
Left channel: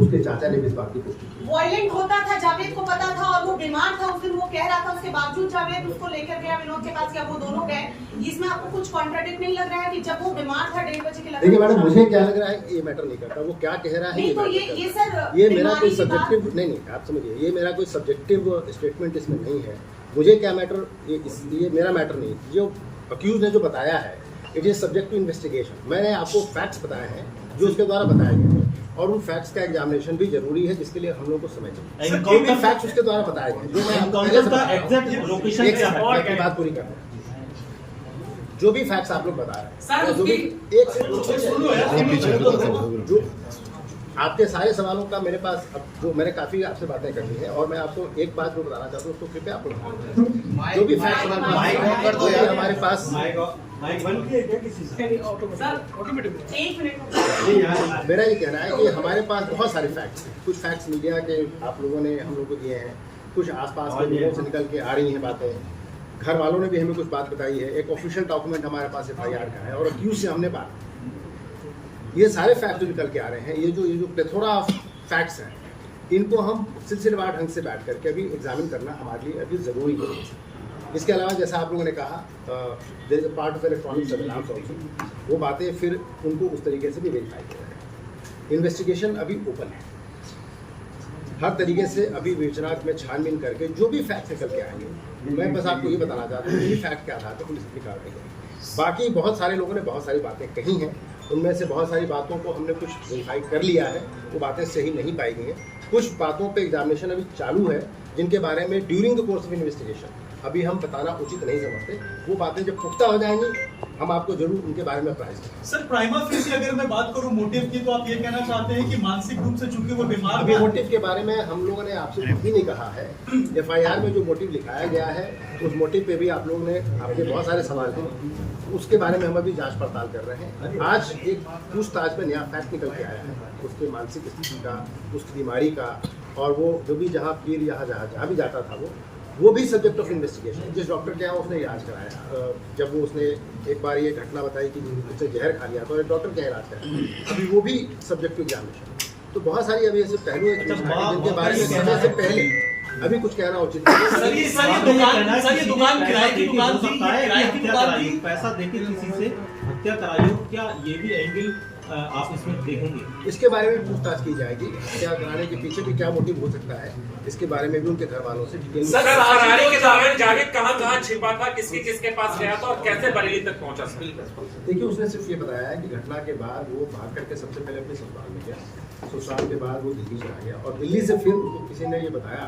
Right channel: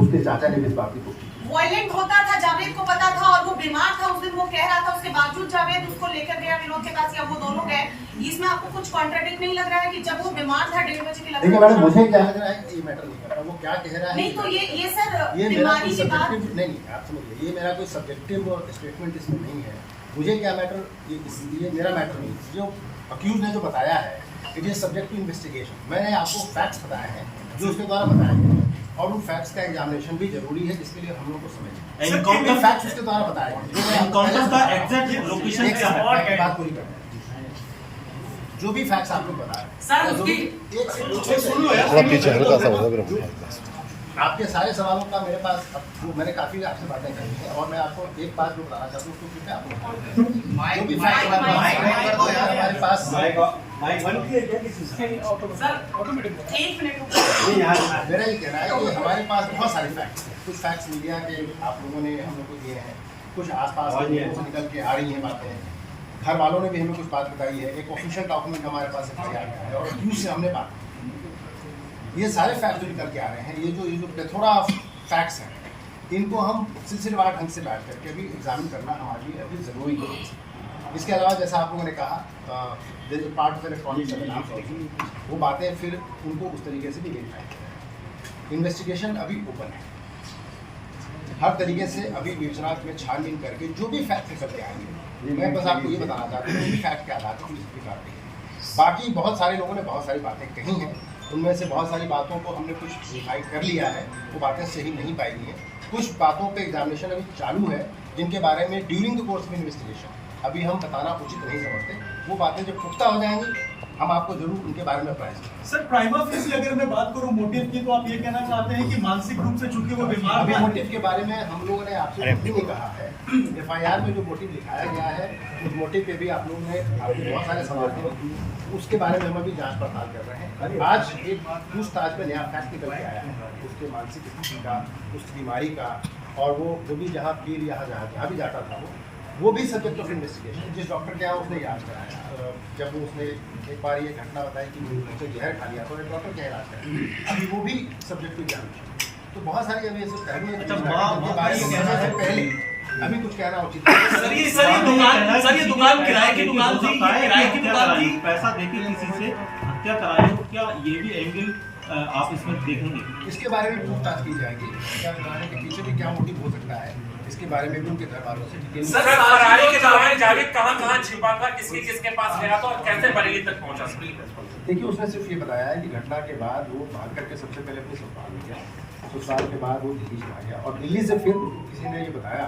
उसके चाचा ने भी इस बात की पुष्टि की। वायलेंट होता था, जावेद को पता था और वो बीमार था उस दिन, वो कह रहा था, उसके बावजूद जावेद उसको लेकर गया विनोद के पास या वो दोनों गए। इसमें आपको कुछ कॉन्ट्राडिक्ट नहीं लग रहा है कि जब वो बीमार था 1.5 बजे के देखिए मैडम, मुझे क्या लग रहा है ये मैटर नहीं करता, वो क्या कह रहा है नहीं, तो ये सर ये मेरा कोई सब्जेक्टिव नहीं, आप समझिए, ये मेरा कोई सब्जेक्टिव स्टेटमेंट इसमें नहीं है। मुझे क्या मैटर, ये इसलिए मेरा मैटर नहीं, जो अक्यूज ने जो बताया है it is subject to investigation. मैंने आपको फैक्ट्स बताए हैं जो उसके द्वारा बताए गए हैं और उन फैक्ट्स का एग्जामिनेशन भी जरूरी है जिसके लिए हम लोग को समझें कौन सा फैक्ट्स उसके द्वारा बताए गए जो मैं आपको पहले से बताया। एक सेकंड की बात पूरी करना है। जो भी फैक्ट्स आप लोग बता रहे हैं, जो भी आपके सारे सवालों का मेरे पास जो मैंने काफी आपसे बातें करनी है और मैं आपको एक बात जो बताना चाहता हूँ उसको कृपया आपको जो भी फैक्ट हमारे पास मेरा ये कहना है कि हमारे पास बहुत सारे फैक्ट्स हैं। कुछ फैक्ट्स मीडिया के आप लोगों ने हम लोग को दिए हैं, कुछ आसपास के लोगों से निकल के आ रही हैं बातें, घर वालों ने भी हमें कुछ बात बताई है, एक ऑफिशियल डॉक्यूमेंट हमारे पास FIR का है और अक्यूज से हमने बात की। ये सारे फैक्ट जो निकल के आ रहे हैं, ये जो प्लेथोरा ऑफ फैक्ट्स हैं, इनको हम सिलसिलेवार ढंग से बैठ करके अभी एग्जामिन करना हमारे लिए अभी ज़रूरी है। इसके अलावा जैसा आप लोगों ने कहा part of electronic surveillance also, वो बातें फिर उनको उस तरीके से भी वेरीफाई करें। इन्वेस्टिगेशन अभी ओपन है, हर तरीके से अभी विवेचना में छानबीन करके जो भी फैक्ट निकल के आएंगे, मैं बस आपको ये बताना चाहता हूँ कि फैक्ट के आधार पर पुलिस निकाल रही है। बाकी बहुत सारे लोगों ने बहुत सारी बातें कही हैं, उनमें से बहुत सारी बातों को हमने कुछ वेरीफाई कर लिया है, वो बातें सही नहीं पाई गई हैं। कुछ बातों पे एग्जामिनेशन अभी चालू है जिनके बारे में during the course of investigation अभी हम बताना उचित नहीं समझते। वो बातें जब पुख्ता हो जाएंगी हम आपको जरूर उनके बारे में अप्राइज करेंगे। सर प्राइमा फेसी अगर मैं बात करूं मोटिव की, तो आप ये कहना चाहते हैं कि मानसिक रूप से चूंकि वो बीमार अभी मोटिव के बारे में हम लोगों ने आपसे कुछ भी नहीं कहा है। FIR में जो मोटिव लिखाया गया है उस मोटिव पे भी आप लोगों ने आपके बहुत सारे सवाल थे, उसके बारे में हम अभी जांच पड़ताल कर रहे हैं। आज एक पूछताछ में नया फैक्ट निकल के आया है उसके मानसिक स्थिति का, उस बीमारी का, और वो जो भी जहाँ पीर जहाँ भी जाता था वो भी सब्जेक्ट ऑफ इन्वेस्टिगेशन। जिस डॉक्टर के यहाँ उसने इलाज कराया, जब वो उसने एक बार ये घटना बताई कि उसने जहर खा लिया तो एक डॉक्टर के इलाज कराया, अभी वो भी सब्जेक्ट टू एग्जामिनेशन। तो बहुत सारी अभी ऐसे पहलू हैं जिनके बारे में कहने से पहले अभी कुछ कहना उचित है। सर ये दुकान किराए की दुकान थी, पैसा देके किसी से हत्या कराई हो, क्या ये भी एंगल आप इसमें देखेंगे? इसके बारे में पूछताछ की जाएगी, क्या कराने के पीछे भी क्या मोटिव हो सकता है, इसके बारे में भी उनके घर वालों से डिटेल। सर फरारी के दौरान जावेद कहां छिपा था, किसके पास गया था और कैसे बरेली तक पहुंचा? देखिए, उसने सिर्फ ये बताया है कि घटना के बाद वो भाग करके सबसे पहले अपने ससुराल में गया, ससुराल के बाद वो दिल्ली चला गया और दिल्ली से फिर उसको किसी ने ये बताया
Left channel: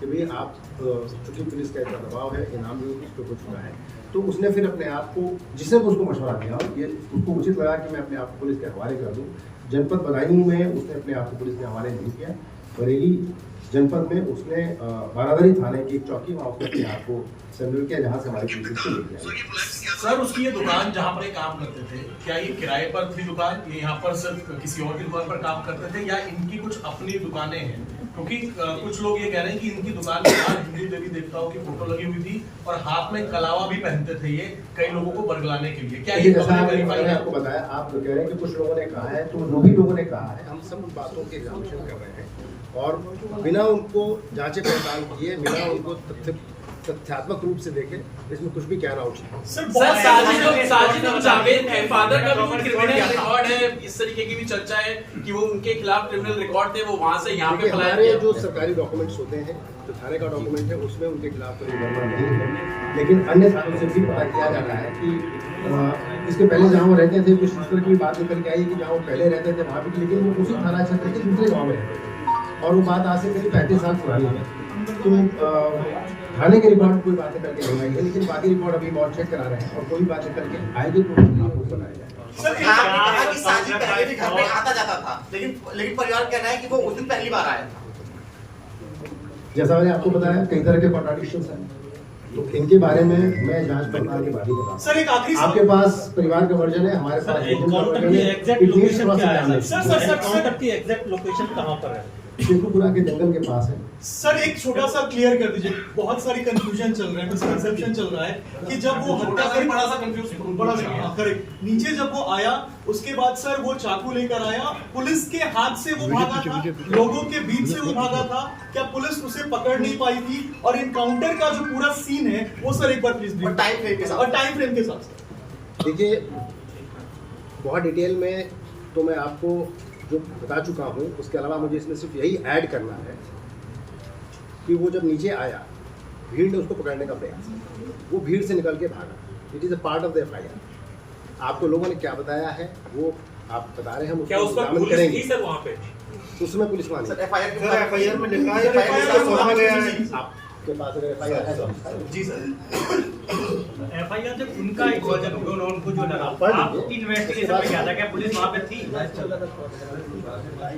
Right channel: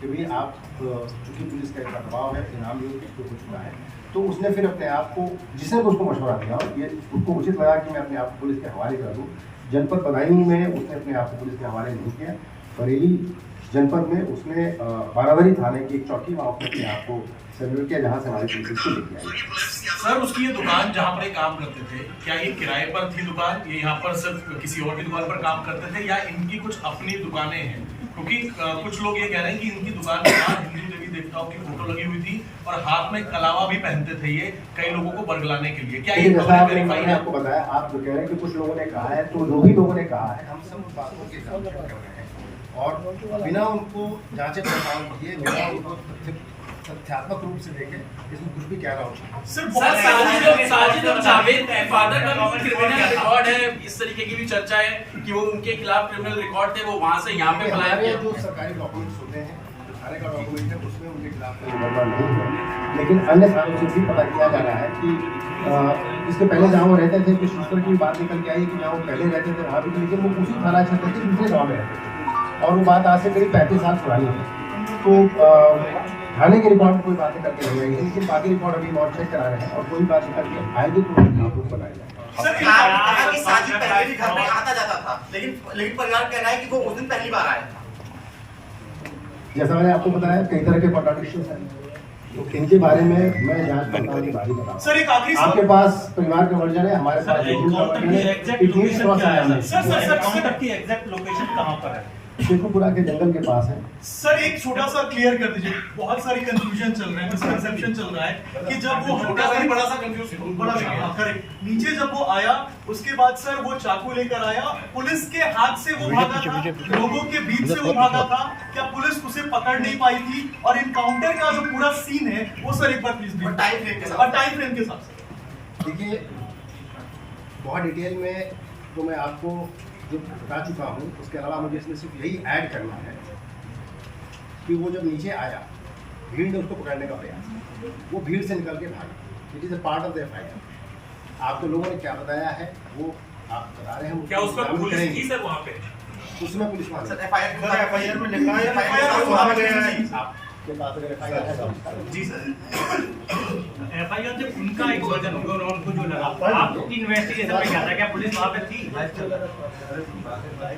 कि भाई आप चूंकि पुलिस का इतना दबाव है, इनाम भी उसको हो चुका है, तो उसने फिर अपने आप को, जिसने उसको मशवरा दिया और ये उसको उचित लगा कि मैं अपने आप को पुलिस के हवाले कर दूँ। जनपद बदायूं में उसने अपने आप को पुलिस के हवाले नहीं किया, बरेली जनपद में उसने बारादरी थाने की एक चौकी वहाँ उसने अपने आप को सर्वे किया जहाँ से हमारी पुलिस को लेके आई। सर उसकी ये दुकान जहाँ पर ये काम करते थे, क्या ये किराए पर थी दुकान, ये यहाँ पर सिर्फ किसी और की दुकान पर काम करते थे या इनकी कुछ अपनी दुकानें हैं? क्योंकि कुछ लोग ये कह रहे हैं कि इनकी दुकान के बाहर हिंदू देवी देवताओं की फोटो लगी हुई थी और हाथ में कलावा भी पहनते थे ये कई लोगों को बरगलाने के लिए। क्या ये मैंने आपको बताया, आप जो कह रहे हैं कि कुछ लोगों ने कहा है, तो जो भी लोगों ने कहा है हम सब बातों के एग्जामिनेशन कर रहे हैं और बिना उनको जांचे पड़ताल किए, बिना उनको तथ्यात्मक रूप से देखे इसमें कुछ भी कहना उचित है। सर साजिद और जावेद के फादर का भी क्रिमिनल रिकॉर्ड है, इस तरीके की भी चर्चा है कि वो उनके खिलाफ क्रिमिनल रिकॉर्ड थे, वो वहां से यहाँ पे हमारे जो सरकारी डॉक्यूमेंट्स होते हैं, जो थाने का डॉक्यूमेंट है उसमें उनके खिलाफ क्रिमिनल नहीं है, लेकिन अन्य थानों से भी पता किया जा रहा है कि इसके पहले जहाँ वो रहते थे कुछ उस तरह की बात निकल के आई कि जहाँ वो पहले रहते थे वहाँ भी, लेकिन वो उसी थाना क्षेत्र के दूसरे गाँव में रहते थे। और वो बात आज से करीब 35 साल पुरानी है। तो थाने के रिकॉर्ड कोई बात निकल के नहीं आई है, लेकिन बाकी रिकॉर्ड अभी बहुत चेक करा रहे हैं और कोई बात निकल के आएगी तो बनाया जाएगा। सर आपने कहा कि साजिद पहले भी घर में आता जाता था, लेकिन परिवार कह रहा है कि वो उस दिन पहली बार आया था। जैसा मैंने आपको बताया कई तरह के कॉन्ट्रडिक्शंस हैं, तो इनके बारे में मैं जांच पड़ताल के बाद ही बताऊंगा। सर एक आखिरी आपके पास परिवार का वर्जन है, हमारे पास एग्जैक्ट लोकेशन कहाँ पर है? शेखुपुरा के जंगल के पास है। सर एक छोटा सा क्लियर कर दीजिए, बहुत सारी कंफ्यूजन चल रहा है, मिसकंसेप्शन चल रहा है कि जब वो बड़ा सा कंफ्यूजन करेक्ट नीचे जब वो आया उसके बाद सर वो चाकू लेकर आया, पुलिस के हाथ से वो भागा था, लोगों के बीच से वो भागा था, क्या पुलिस उसे पकड़ नहीं पाई थी? और इनकाउंटर का जो पूरा सीन है वो सर एक बार प्लीज टाइम फ्रेम के साथ देखिए बहुत डिटेल में तो मैं आपको जो बता चुका हूँ, उसके अलावा मुझे इसमें सिर्फ यही ऐड करना है कि वो जब नीचे आया भीड़ ने उसको पकड़ने का प्रयास किया, वो भीड़ से निकल के भागा। It is a part of the FIR. आपको लोगों ने क्या बताया है वो आप बता रहे हैं, हम क्या उसका उसको पुलिस करेंगे। थी सर वहाँ पे? उसमें पुलिस वाले एफआईआर में लिखा है आपके पास अगर एफआईआर है तो जी सर। एफआईआर से उनका एक वर्जन उनको जो लगा आपकी इन्वेस्टिगेशन में क्या था, क्या पुलिस वहां पे थी?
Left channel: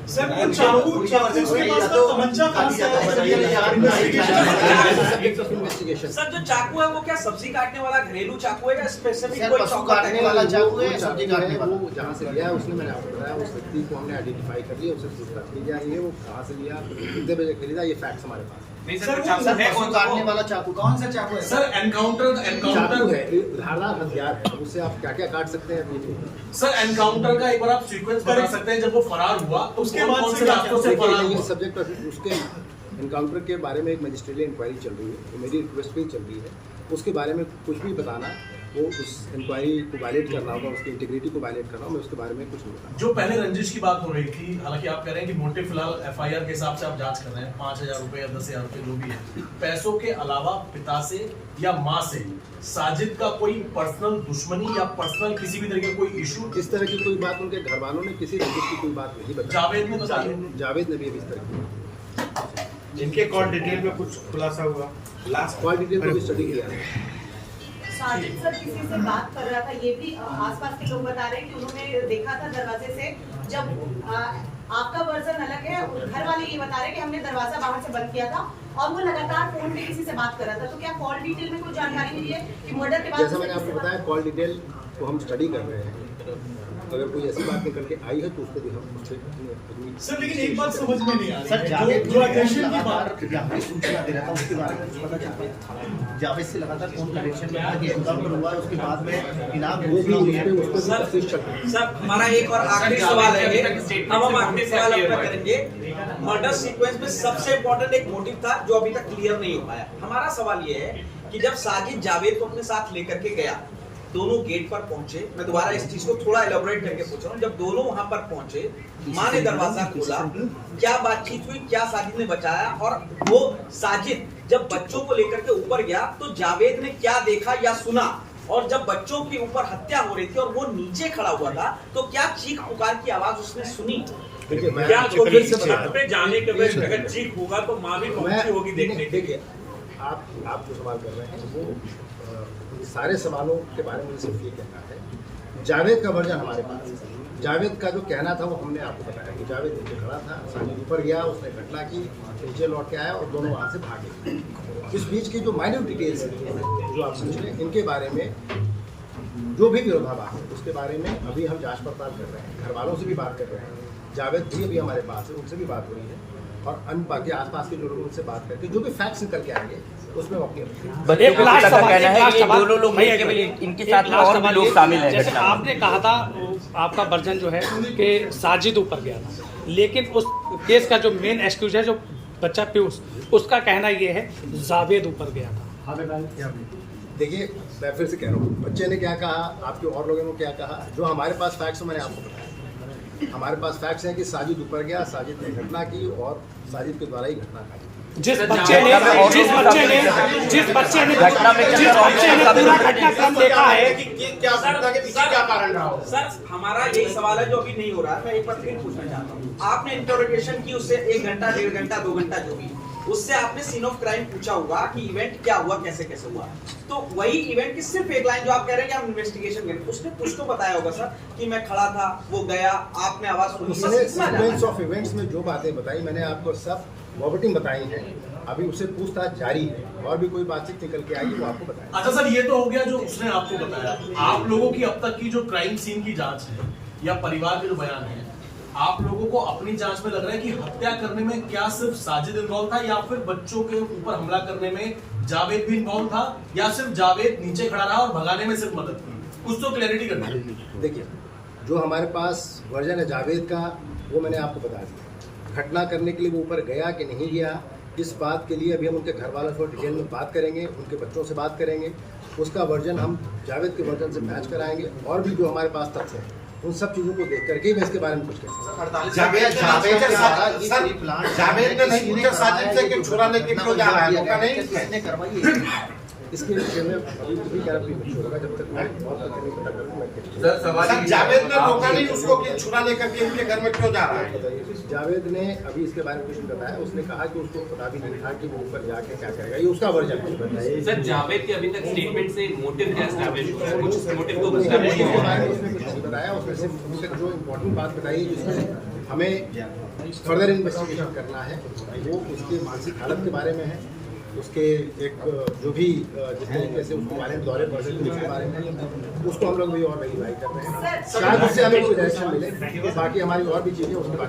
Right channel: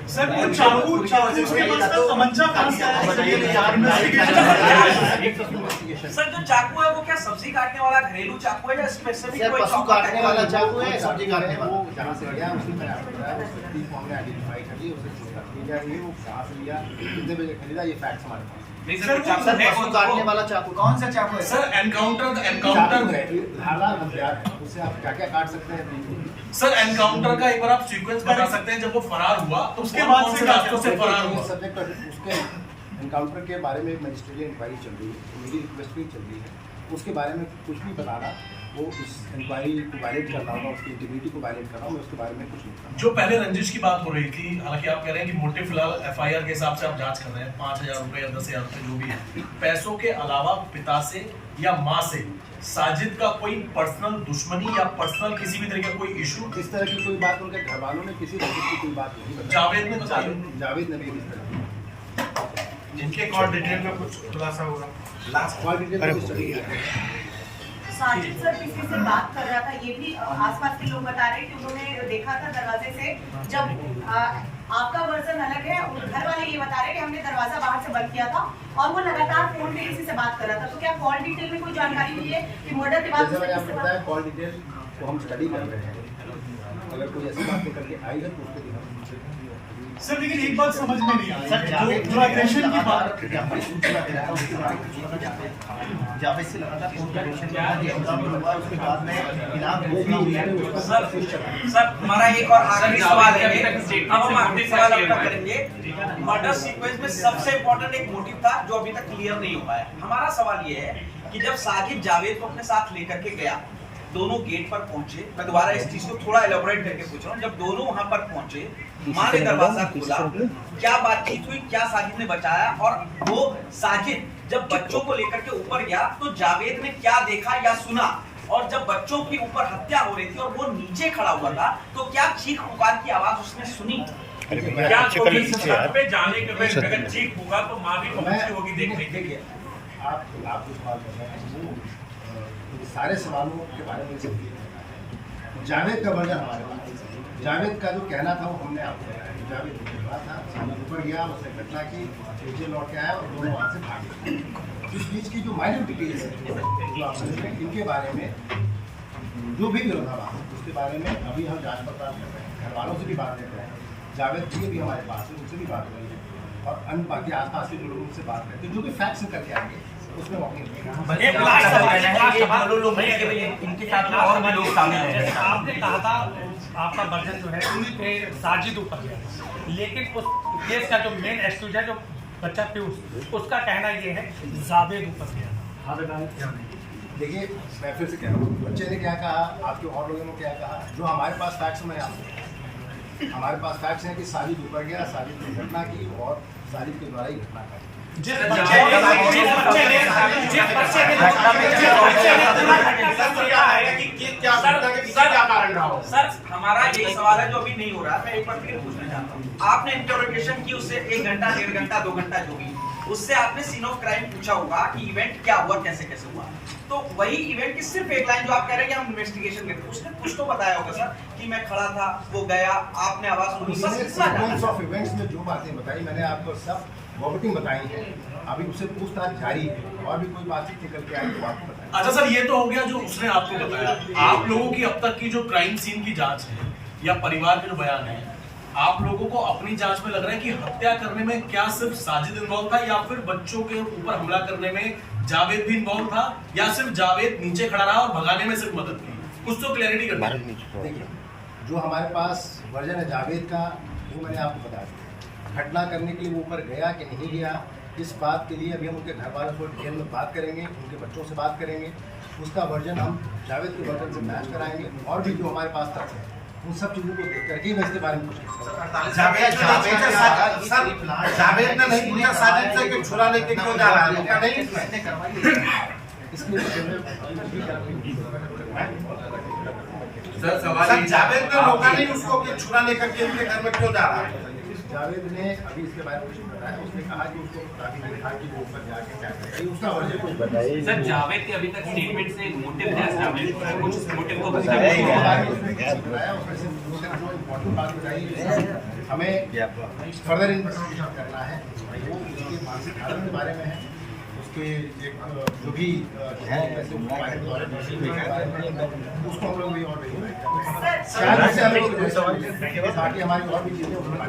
सर वो चाकू उसके पास था, तमंचा कहां से आया? इन्वेस्टिगेशन सर जो चाकू है वो क्या सब्जी काटने वाला घरेलू चाकू है या स्पेसिफिक सर कोई पशु चाकू काटने वाला चाकू है, सब्जी काटने वाला? वो जहाँ से लिया उसने मैंने आपको बताया, उस व्यक्ति को हमने आइडेंटिफाई कर लिया, उसे पूछताछ की जा रही है, वो कहाँ से लिया, कितने बजे खरीदा, ये फैक्ट्स हमारे पास। सर पशु काटने वाला चाकू कौन सा चाकू है? सर एनकाउंटर चाकू है, धारदार हथियार है, उससे आप क्या क्या काट सकते हैं देखिए। सर एनकाउंटर का एक बार आप सीक्वेंस बता सकते हैं, जब वो फरार हुआ तो उसके बाद से रास्तों से फरार हुआ? सब्जेक्ट उसके एनकाउंटर के बारे में एक मजिस्ट्रेटिव इंक्वायरी चल रही है, तो मेरी रिक्वेस्ट भी चल रही है, उसके बारे में कुछ भी बताना वो उस इंक्वायरी को वायलेट करना होगा, उसकी इंटीग्रिटी को वायलेट करना होगा, मैं उसके बारे में कुछ नहीं बताऊंगा। जो पहले रंजिश की बात हो रही थी, हालांकि आप कह रहे हैं कि मोटिव फिलहाल एफआईआर के हिसाब से आप जांच कर रहे हैं, 5,000 रुपए या 10,000 रुपए जो भी है, पैसों के अलावा पिता से या माँ से साजिद का कोई पर्सनल दुश्मनी या पर्सनल किसी भी तरह का कोई इशू? इस तरह की कोई बात उनके घर वालों ने किसी रंजिश की कोई बात नहीं बताई। जावेद ने भी इस तरह की जिनके कॉल डिटेल में कुछ खुलासा होगा लास्ट कॉल डिटेल को स्टडी किया है। साजिद सर किसी से बात कर रहा था, ये भी आसपास के लोग बता रहे हैं कि उन्होंने देखा था दरवाजे से, जब आपका वर्जन अलग है, घर वाले ये बता रहे हैं कि हमने दरवाजा बाहर से बंद किया था और वो लगातार फोन पे किसी से बात कर रहा था। तो क्या कॉल डिटेल में कोई जानकारी मिली है कि मर्डर के बाद? जैसा मैंने आपको बताया कॉल डिटेल को हम स्टडी कर रहे हैं, अगर कोई ऐसी बात निकल के आई है तो उसको भी हम सर लेकिन एक बात समझ में नहीं आ रही सर, जो एग्रेशन की बात जावेद से लगातार कॉन्वर्सेशन हुआ, उसके बाद में इनाम वो भी सर हमारा एक और आखिरी सवाल है, अब हम आखिरी सवाल आपका करेंगे। मर्डर सीक्वेंस में सबसे इम्पोर्टेंट एक मोटिव था जो अभी तक क्लियर नहीं हो पाया। हमारा सवाल ये है कि जब साजिद जावेद को अपने साथ लेकर के गया, दोनों गेट पर पहुंचे, मैं दोबारा इस चीज को थोड़ा एलैबोरेट करके पूछ रहा हूँ, जब दोनों वहां पर पहुंचे, माँ ने दरवाजा खोला, क्या बातचीत हुई, क्या साजिद ने बचाया, और वो साजिद जब बच्चों को लेकर के ऊपर गया तो जावेद ने क्या देखा या सुना, और जब बच्चों के ऊपर हत्या हो रही थी और वो नीचे खड़ा हुआ था तो क्या चीख पुकार की आवाज उसने सुनी? क्या छत पे जाने के बाद अगर चीख होगा तो माँ भी पहुंची होगी देखने के लिए? आप जो सवाल कर रहे हैं वो सारे सवालों के बारे में सिर्फ ये कहना है, जावेद का वर्जन हमारे पास है। जावेद का जो कहना था वो हमने आपको बताया कि जावेद नीचे खड़ा था, सामने ऊपर गया, उसने घटना की, नीचे लौट के आया और दोनों वहाँ से भागे। इस बीच की जो माइन्यूट डिटेल्स हैं जो आप समझ रहे हैं, इनके बारे में जो भी विरोधाभास है उसके बारे में अभी हम जांच पड़ताल कर रहे हैं, घर वालों से भी बात कर रहे हैं, जावेद भी अभी हमारे पास है, उनसे भी बात हो रही है, और अन्य बाकी आसपास के जो लोग उनसे बात करते हैं, जो भी फैक्ट्स निकल के आएंगे उसमें इनके साथ में और भी लोग शामिल हैं। आपने कहा था आपका वर्जन जो है कि साजिद ऊपर गया, लेकिन उस केस का जो मेन एक्सक्यूज है जो बच्चा पीयूष, उसका कहना ये है जावेद ऊपर गया। देखिए मैं फिर से कह रहा हूँ, बच्चे ने क्या कहा, आपके और लोगों ने क्या कहा, जो हमारे पास फैक्ट्स मैंने आपको बताया। हमारे पास फैक्ट्स हैं कि साजिद ऊपर गया, साजिद ने घटना की और साजिद के द्वारा ही घटना घटी। जिस बच्चे ने देखा है कि क्या घटना के पीछे क्या कारण रहा हो। सर हमारा यही सवाल है जो अभी नहीं हो रहा है, मैं एक बार फिर पूछना चाहता हूँ। आपने इंटरप्रिटेशन की उससे 1 घंटा 1.5 घंटा 2 घंटा जो भी, उससे आपने सीन ऑफ क्राइम पूछा होगा कि इवेंट क्या हुआ, कैसे कैसे हुआ। तो वही इवेंट की सिर्फ एक लाइन जो आप कह रहे हैं कि हम इन्वेस्टिगेशन करें, उसने कुछ तो बताया होगा सर कि मैं खड़ा था, वो गया, आपने आवाज सुनी। सीक्वेंस ऑफ इवेंट्स में जो बातें बताई मैंने आपको सब वर्बटिंग बताई है। अभी उससे पूछताछ जारी है और भी कोई बातचीत निकल के आएगी वो आपको बताएं। अच्छा सर, ये तो हो गया जो उसने आपको बताया। आप लोगों की अब तक की जो क्राइम सीन की जांच है या परिवार के जो बयान है, आप लोगों को अपनी जांच में लग रहा है कि हत्या करने में क्या सिर्फ साजिद इन्वॉल्व था या फिर बच्चों के ऊपर हमला करने में जावेद भी इन्वॉल्व था, या सिर्फ जावेद नीचे खड़ा रहा और भगाने में सिर्फ मदद की? कुछ तो क्लैरिटी करना है। देखिए, जो हमारे पास वर्जन है जावेद का वो मैंने आपको बता दिया। घटना करने के लिए वो ऊपर गया कि नहीं गया, इस बात के लिए अभी हम उनके घर वालों से डिटेल में बात करेंगे, उनके बच्चों से बात करेंगे, उसका वर्जन हम जावेद के वर्जन से मैच कराएंगे और भी जो हमारे पास तथ्य हैं उन सब चीज़ों को देख करके मैं इसके बारे में कुछ कह सकता हूं। जावेद ने नहीं पूछा साजिद से कि छुड़ाने के क्यों जा रहा है, क्या नहीं इसने करवाई। इसके विषय में अभी तरफ की नहीं होगा जब तक मैं बहुत सर जावेद ने रोका नहीं उसको कि छुड़ाने करके उनके घर में क्यों जा रहा है। जावेद ने अभी इसके बारे में कुछ नहीं बताया। उसने कहा कि उसको पता भी नहीं था कि वो ऊपर जाके क्या करेगा, ये उसका वर्जन है। सर जावेद के अभी तक स्टेटमेंट से मोटिव क्या एस्टैब्लिश हुआ है, कुछ मोटिव को बताया। उसने सिर्फ जो इम्पोर्टेंट बात बताई जिसमें हमें फर्दर इन्वेस्टिगेशन करना है वो उसके मानसिक हालत के बारे में है, उसके एक जो भी जिस तरीके से उसके बारे में दौरे पड़े उसके बारे में उसको हम लोग भी और वेरीफाई कर रहे हैं। शायद इससे हमें कोई सवाल मिले, बाकी हमारी और भी चीज़ें उसके बारे में